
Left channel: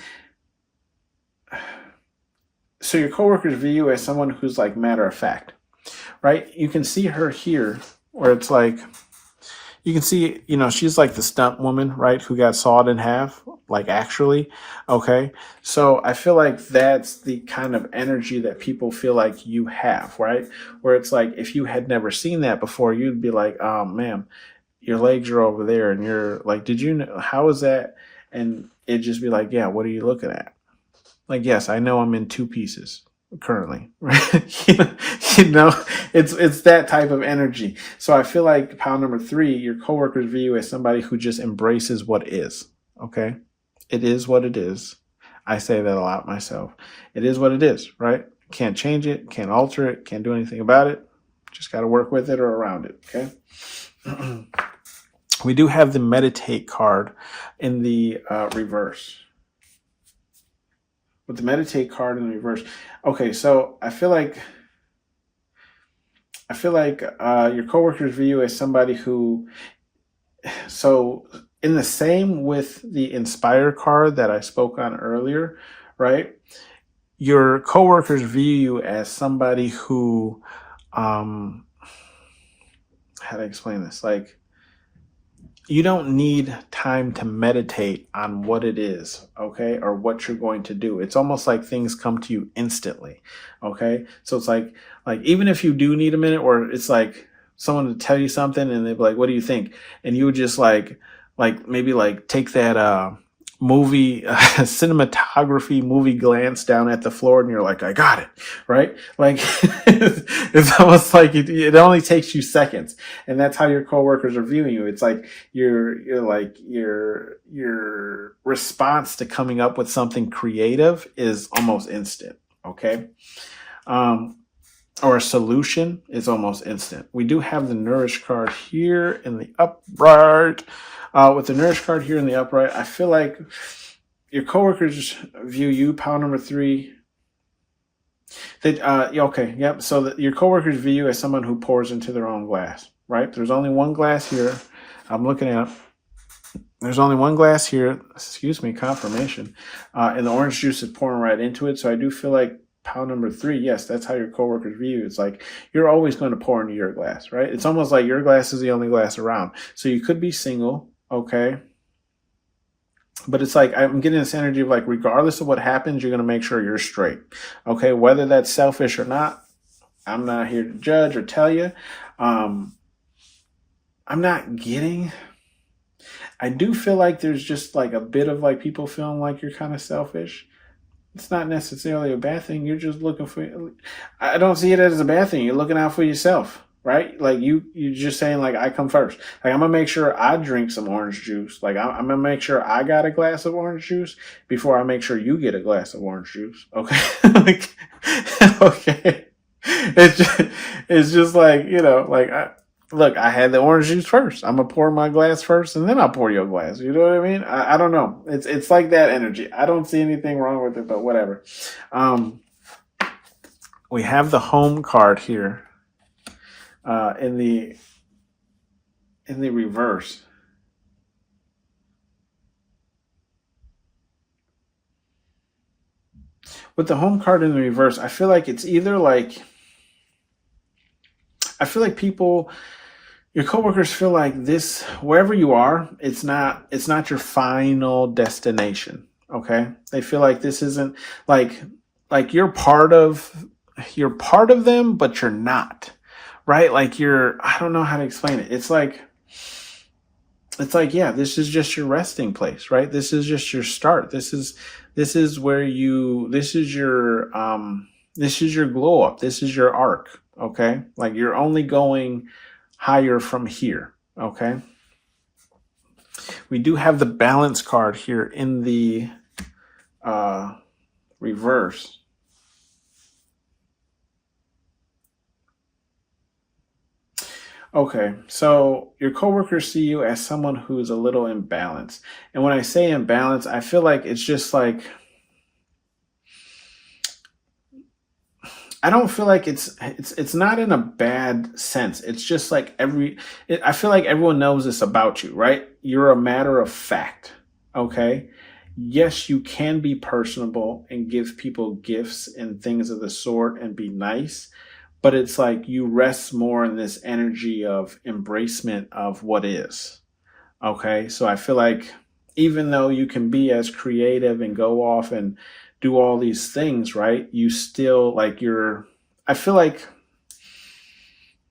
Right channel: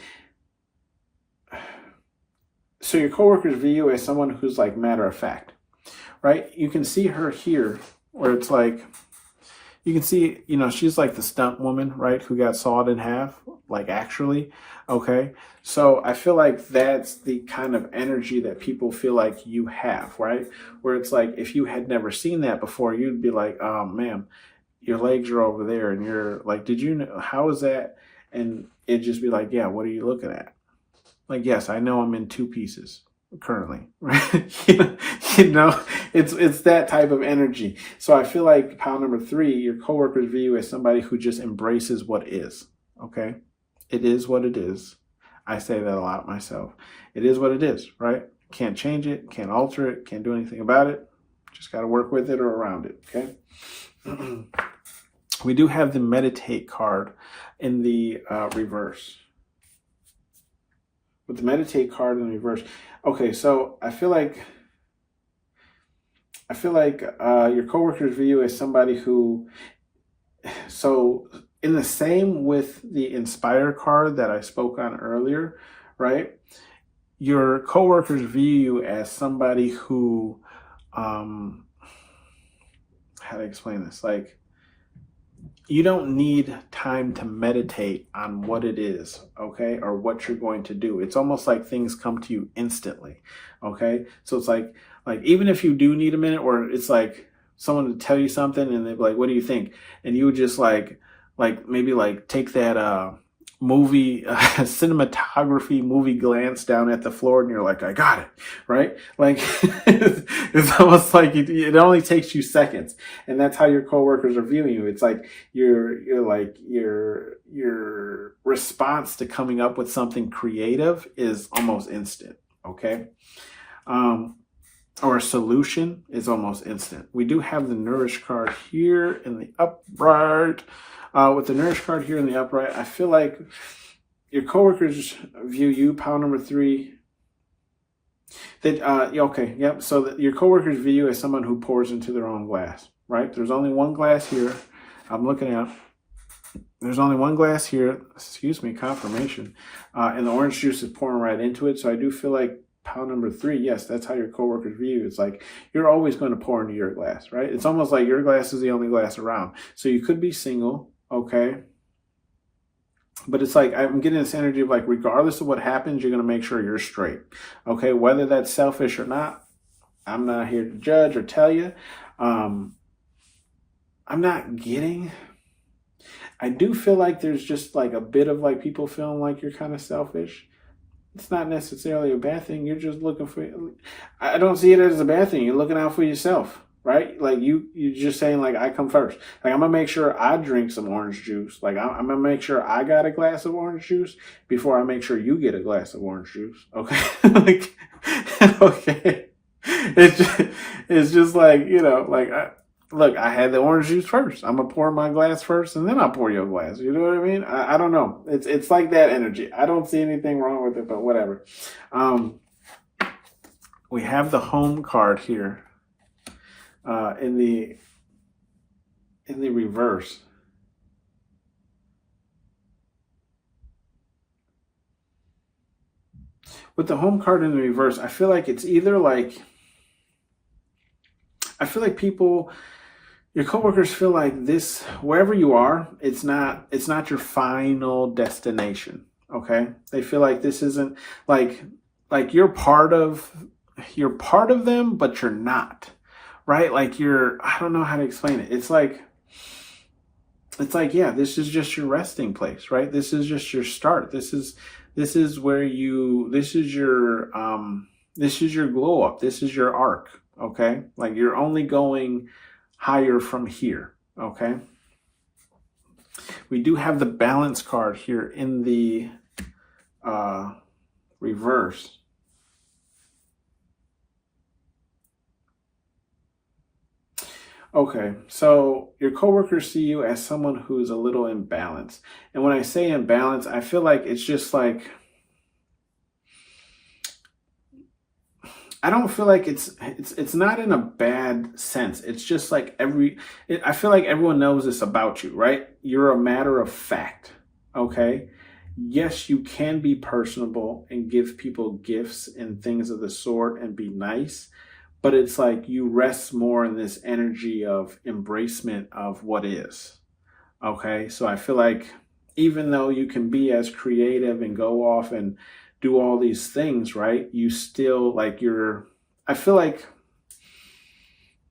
so your coworkers view you as someone who's like matter of fact, right? You can see her here where it's like, you can see, she's like the stunt woman, right? Who got sawed in half, like, actually. Okay. So I feel like that's the kind of energy that people feel like you have, right? Where it's like, if you had never seen that before, you'd be like, ma'am, your legs are over there. And you're like, did you know, how is that? And it'd just be like, yeah, what are you looking at? Like, yes, I know I'm in 2 pieces currently. It's that type of energy. So I feel like pile number 3, your coworkers view you as somebody who just embraces what is. Okay, it is what it is. I say that a lot myself. It is what it is, right? Can't change it, can't alter it, can't do anything about it. Just got to work with it or around it. Okay. We do have the meditate card in the reverse. With the meditate card in the reverse. Okay, so I feel like your coworkers view you as somebody who, so in the same with the inspire card that I spoke on earlier, right? Your coworkers view you as somebody who, how do I explain this? Like, you don't need time to meditate on what it is, okay, or what you're going to do. It's almost like things come to you instantly, okay? So it's like even if you do need a minute, or it's like, someone to tell you something, and they'd be like, "What do you think?" And you would just maybe like take that movie cinematography movie glance down at the floor, and you're like, "I got it," right? Like it's almost like it only takes you seconds, and that's how your coworkers are viewing you. It's like your response to coming up with something creative is almost instant. Okay. Or a solution is almost instant. We do have the Nourish card here in the upright. With the Nourish card here in the upright, I feel like your coworkers view you, pile number 3. Okay, yep. So that your coworkers view you as someone who pours into their own glass, right? There's only one glass here. I'm looking at it. There's only one glass here. Excuse me, confirmation. And the orange juice is pouring right into it. So I do feel like pile number 3, yes, that's how your coworkers view you. It's like you're always going to pour into your glass, right? It's almost like your glass is the only glass around. So you could be single, okay? But it's like I'm getting this energy of like, regardless of what happens, you're going to make sure you're straight, okay? Whether that's selfish or not, I'm not here to judge or tell you. I'm not getting... I do feel like there's just like a bit of like people feeling like you're kind of selfish. It's not necessarily a bad thing. You're just looking for... I don't see it as a bad thing. You're looking out for yourself, right? Like you're just saying like, I come first. Like I'm going to make sure I drink some orange juice. Like I'm going to make sure I got a glass of orange juice before I make sure you get a glass of orange juice. Okay. Like, okay. It's just like, like look, I had the orange juice first. I'm going to pour my glass first, and then I'll pour your glass. You know what I mean? I don't know. It's like that energy. I don't see anything wrong with it, but whatever. We have the home card here in the reverse. With the home card in the reverse, I feel like it's either like... I feel like your coworkers feel like this, wherever you are, it's not your destination. Okay. They feel like this isn't like you're part of them, but you're not, right? Like I don't know how to explain it. It's like, yeah, this is just your resting place, right? This is just your start. This is your glow up. This is your arc. Okay. Like you're only going higher from here. Okay. We do have the balance card here in the reverse. Okay, so your coworkers see you as someone who's a little imbalanced. And when I say imbalance, I feel like it's just like, I don't feel like it's not in a bad sense. It's just like I feel like everyone knows this about you, right? You're a matter of fact, okay? Yes, you can be personable and give people gifts and things of the sort and be nice, but it's like you rest more in this energy of embracement of what is, okay? So I feel like even though you can be as creative and go off and do all these things, right? You still I feel like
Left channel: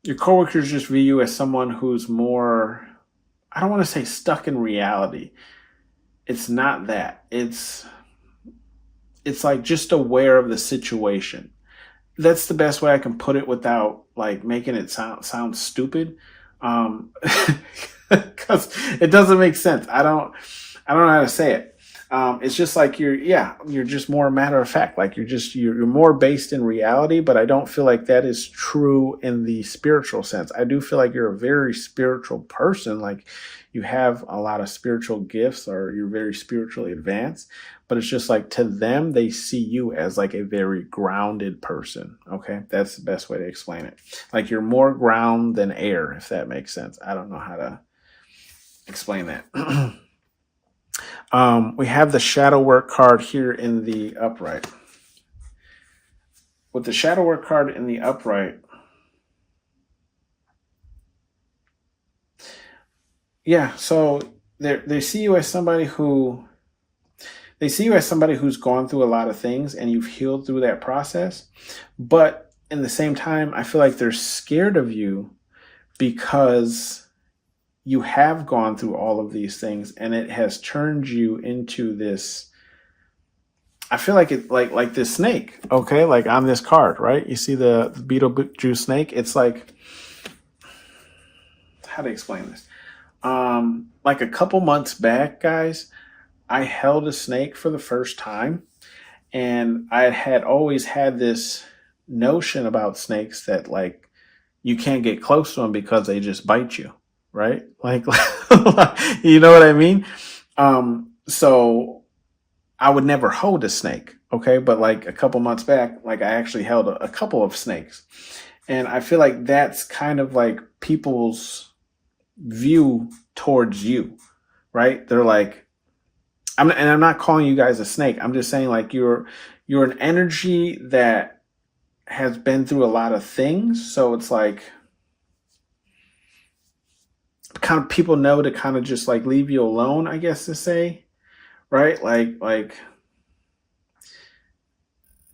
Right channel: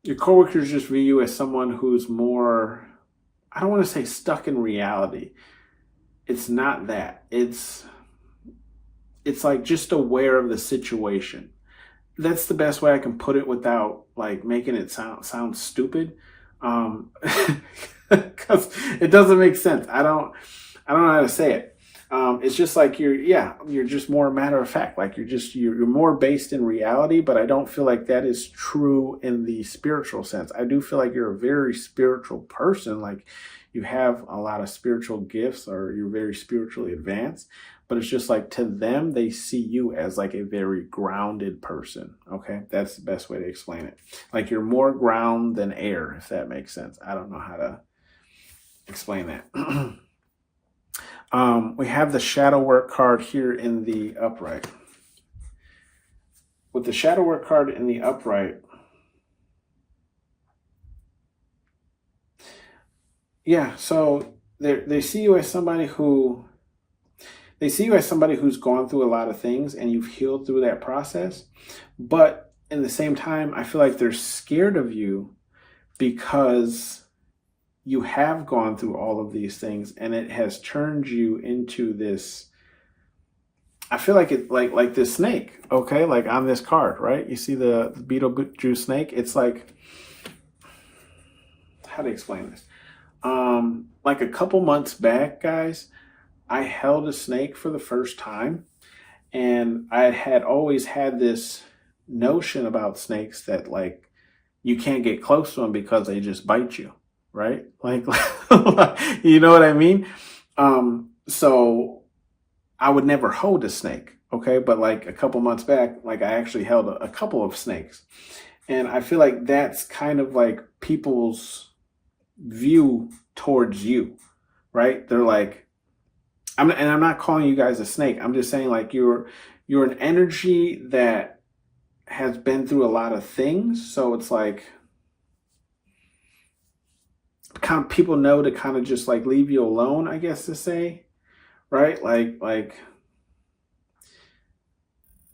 your coworkers just view you as someone who's more, I don't want to say stuck in reality. It's not that. It's like just aware of the situation. That's the best way I can put it without like making it sound stupid. Because it doesn't make sense. I don't know how to say it. It's just like you're just more a matter of fact. Like you're more based in reality, but I don't feel like that is true in the spiritual sense. I do feel like you're a very spiritual person. Like you have a lot of spiritual gifts or you're very spiritually advanced, but it's just like to them, they see you as like a very grounded person. Okay. That's the best way to explain it. Like you're more ground than air, if that makes sense. I don't know how to explain that. We have the shadow work card here in the upright. With the shadow work card in the upright, yeah, so they see you as somebody who's gone through a lot of things and you've healed through that process. But in the same time, I feel like they're scared of you because you have gone through all of these things and it has turned you into this. I feel like it like this snake, okay? Like on this card, right? You see the Beetlejuice snake? It's like, how to explain this? Like a couple months back, guys, I held a snake for the first time, and I had always had this notion about snakes that like you can't get close to them because they just bite you, right? Like, you know what I mean? So I would never hold a snake, okay? But like a couple months back, like I actually held a couple of snakes. And I feel like that's kind of like people's view towards you, right? They're like, I'm not calling you guys a snake. I'm just saying like you're an energy that has been through a lot of things. So it's like kind of people know to kind of just like leave you alone, I guess to say, right? Like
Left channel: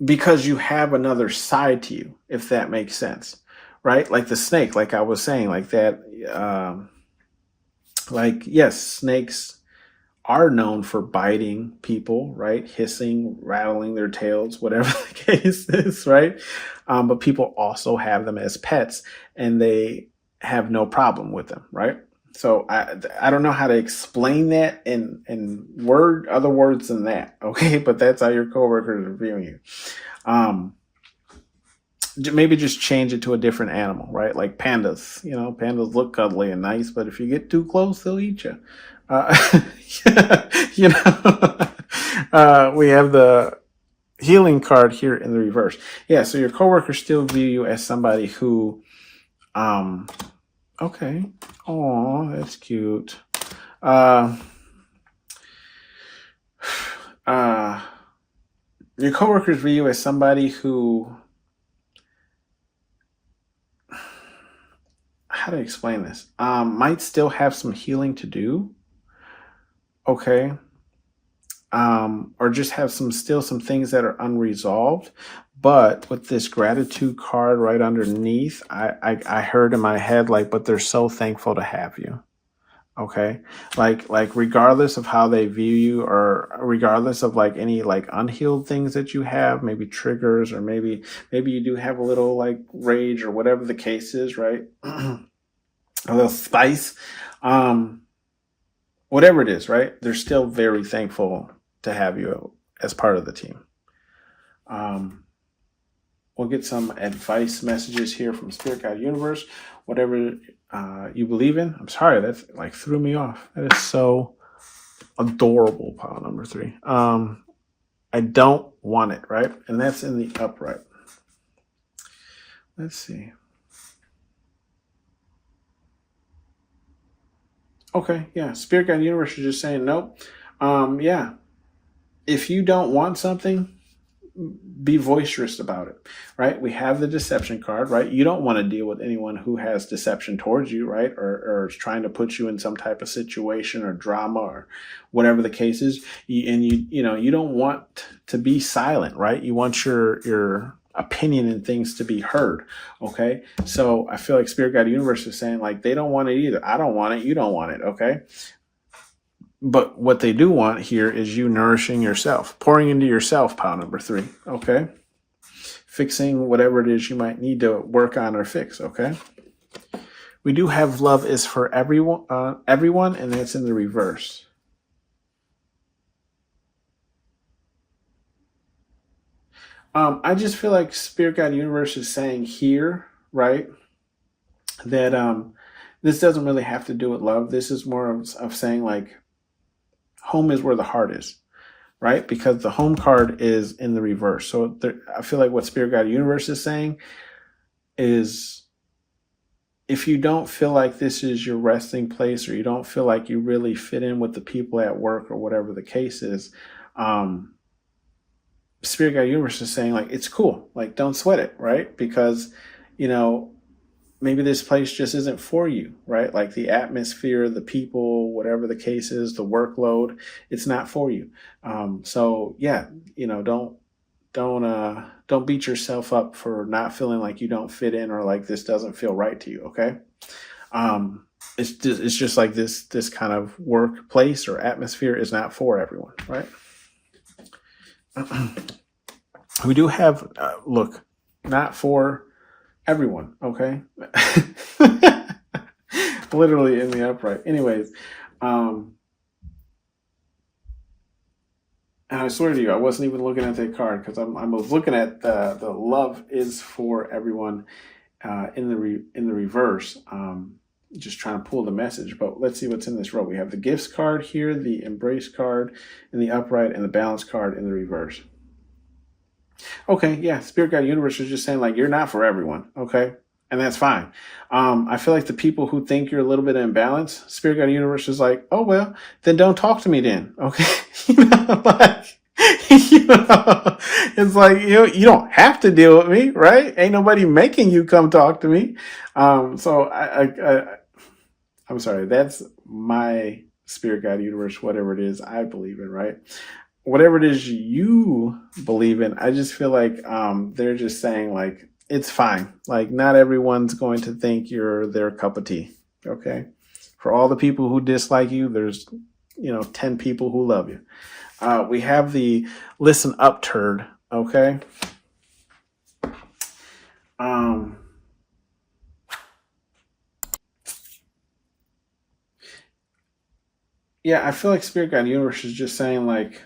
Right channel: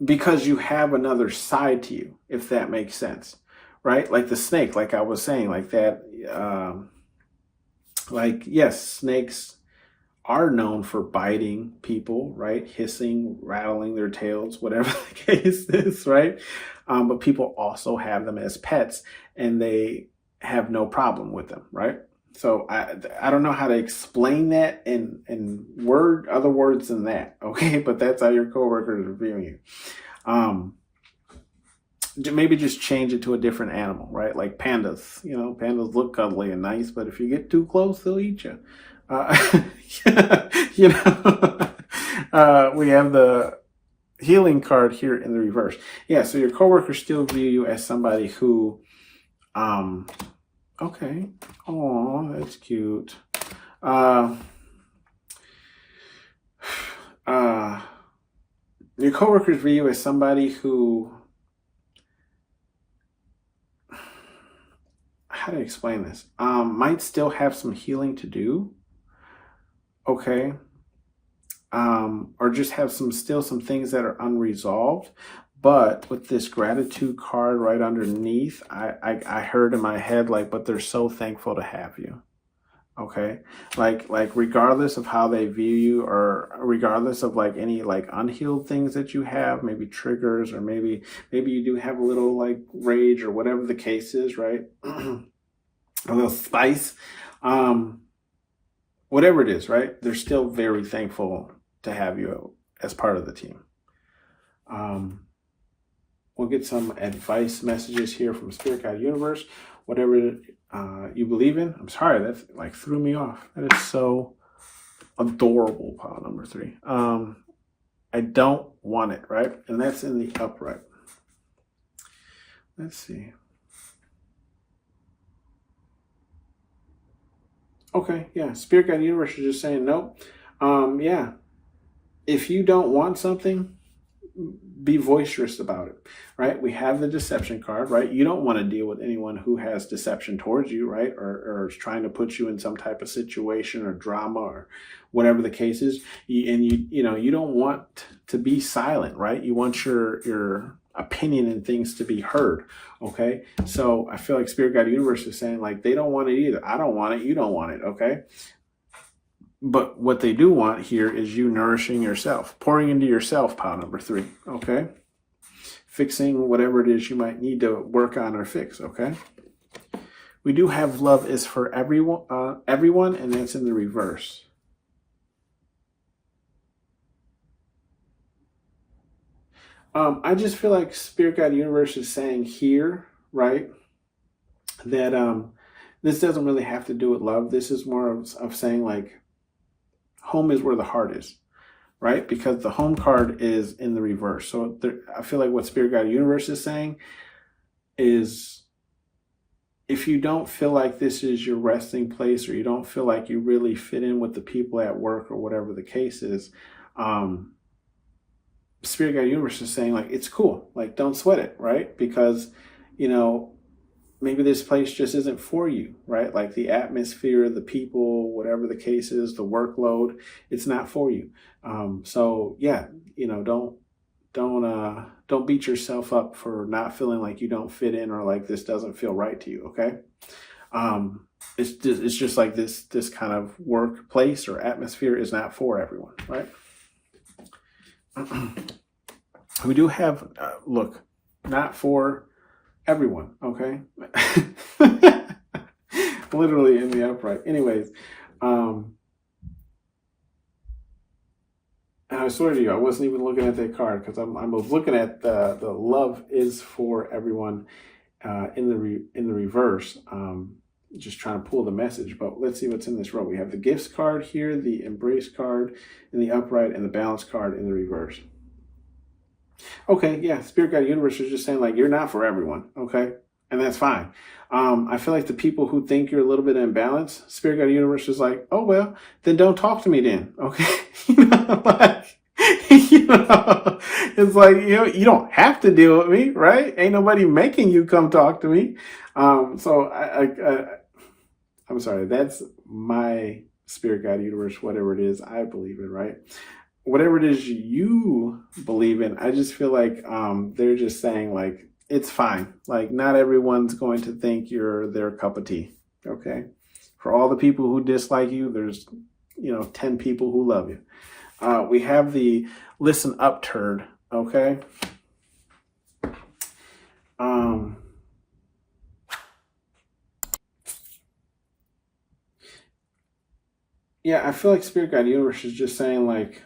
because you have another side to you, if that makes sense, right? Like the snake, like I was saying, like that, like, yes, snakes are known for biting people, right? Hissing, rattling their tails, whatever the case is, right? But people also have them as pets and they have no problem with them, right? So I don't know how to explain that in other words than that, okay? But that's how your coworkers are viewing you. Maybe just change it to a different animal, right? Like pandas. You know, pandas look cuddly and nice, but if you get too close, they'll eat you. You know, we have the healing card here in the reverse. Yeah, so your coworkers still view you as somebody who, okay. Oh, that's cute. Your coworkers view you as somebody who, how to explain this? Might still have some healing to do. Okay. Or just have some things that are unresolved. But with this gratitude card right underneath, I heard in my head, like, but they're so thankful to have you. Okay. Like regardless of how they view you, or regardless of like any like unhealed things that you have, maybe triggers, or maybe you do have a little like rage or whatever the case is, right? A little spice. Whatever it is, right? They're still very thankful to have you as part of the team. We'll get some advice messages here from Spirit Guide Universe. Whatever you believe in. I'm sorry, that like threw me off. That is so adorable, pile number 3. I don't want it, right? And that's in the upright. Let's see. Okay, yeah. Spirit Guide Universe is just saying nope. Yeah. If you don't want something, be boisterous about it, right? We have the deception card, right? You don't want to deal with anyone who has deception towards you, right? Or is trying to put you in some type of situation or drama or whatever the case is. You don't want to be silent, right? You want your opinion and things to be heard. Okay. So I feel like Spirit Guide Universe is saying like, they don't want it either. I don't want it. You don't want it. Okay. But what they do want here is you nourishing yourself, pouring into yourself, pile number 3. Okay. Fixing whatever it is you might need to work on or fix. Okay. We do have love is for everyone, and that's in the reverse. I just feel like Spirit Guide Universe is saying here, right, that this doesn't really have to do with love. This is more of saying like home is where the heart is, right? Because the home card is in the reverse. So I feel like what Spirit Guide Universe is saying is if you don't feel like this is your resting place, or you don't feel like you really fit in with the people at work or whatever the case is, Spirit Guide Universe is saying like, it's cool. Like, don't sweat it, right? Because, maybe this place just isn't for you, right? Like the atmosphere, the people, whatever the case is, the workload, it's not for you. So yeah, don't beat yourself up for not feeling like you don't fit in or like this doesn't feel right to you. Okay. It's just like this kind of workplace or atmosphere is not for everyone, right? We do have look, not for everyone, okay? Literally in the upright. Anyways, and I swear to you, I wasn't even looking at that card because I was looking at the love is for everyone in the reverse. Just trying to pull the message, but let's see what's in this row. We have the gifts card here, the embrace card in the upright, and the balance card in the reverse. Okay, yeah, Spirit Guide Universe is just saying like you're not for everyone, okay? And that's fine. I feel like the people who think you're a little bit imbalanced, Spirit Guide Universe is like, oh well, then don't talk to me then, okay? Like, it's like you don't have to deal with me, right? Ain't nobody making you come talk to me. So I'm sorry, that's my Spirit Guide Universe, whatever it is I believe in, right? Whatever it is you believe in, I just feel like they're just saying like it's fine. Like not everyone's going to think you're their cup of tea. Okay. For all the people who dislike you, there's 10 people who love you. We have the listen up turd. Okay. Yeah, I feel like Spirit Guide Universe is just saying like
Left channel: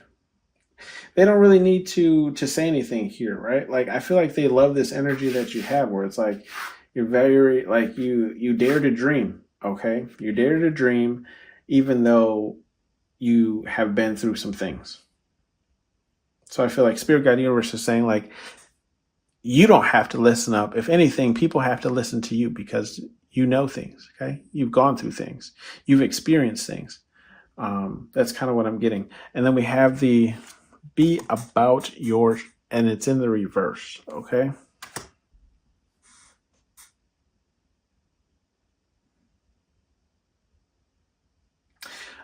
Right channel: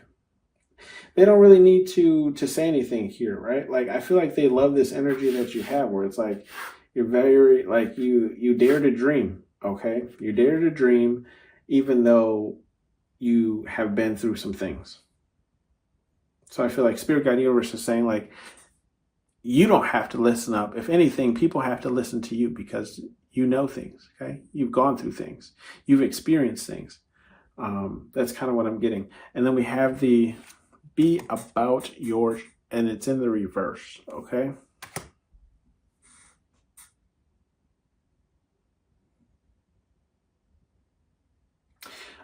they don't really need to say anything here, right? Like I feel like they love this energy that you have where it's like you're very like you dare to dream, okay? You dare to dream even though you have been through some things. So I feel like Spirit Guide Universe is saying like you don't have to listen up. If anything, people have to listen to you because you know things, okay? You've gone through things. You've experienced things. That's kind of what I'm getting. And then we have the be about yours, and it's in the reverse, okay?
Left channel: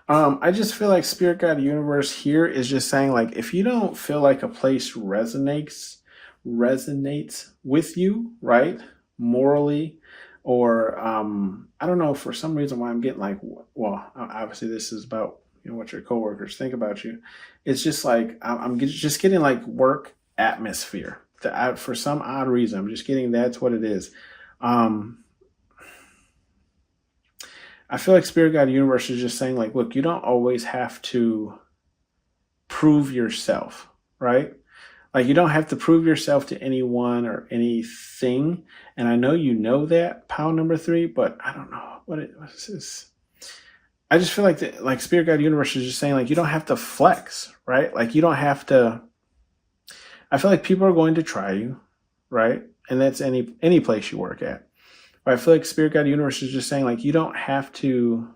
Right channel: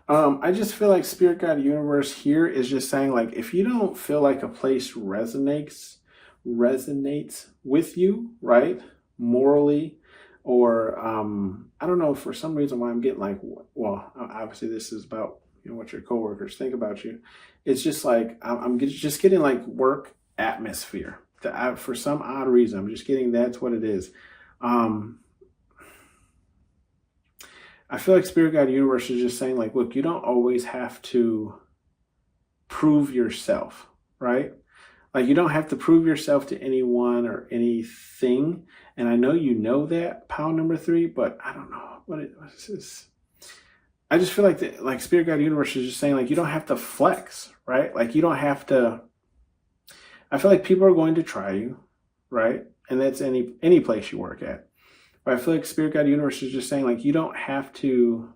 I just feel like Spirit Guide Universe here is just saying like if you don't feel like a place resonates with you, right? Morally, or I don't know, for some reason why I'm getting like, well, obviously this is about what your coworkers think about you. It's just like I'm just getting like work atmosphere. For some odd reason, I'm just getting that's what it is. I feel like Spirit Guide Universe is just saying like, look, you don't always have to prove yourself, right? Like you don't have to prove yourself to anyone or anything. And I know you know that, pound number 3, but I don't know what is this. I just feel like like Spirit Guide Universe is just saying like you don't have to flex, right? Like you don't have to. I feel like people are going to try you, right? And that's any place you work at. But I feel like Spirit Guide Universe is just saying like you don't have to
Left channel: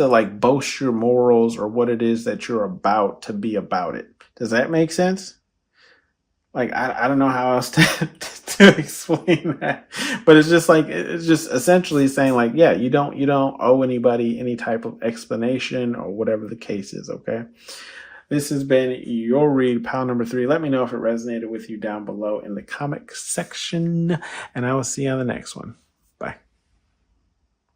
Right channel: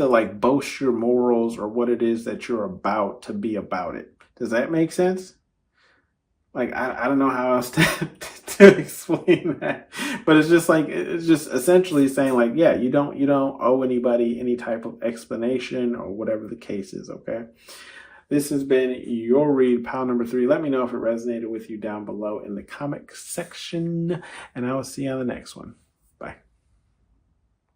like boast your morals or what it is that you're about to be about it. Does that make sense? Like I don't know how else to explain that, but it's just essentially saying like, yeah, you don't owe anybody any type of explanation or whatever the case is. Okay. This has been your read, pound number 3. Let me know if it resonated with you down below in the comment section, and I will see you on the next one.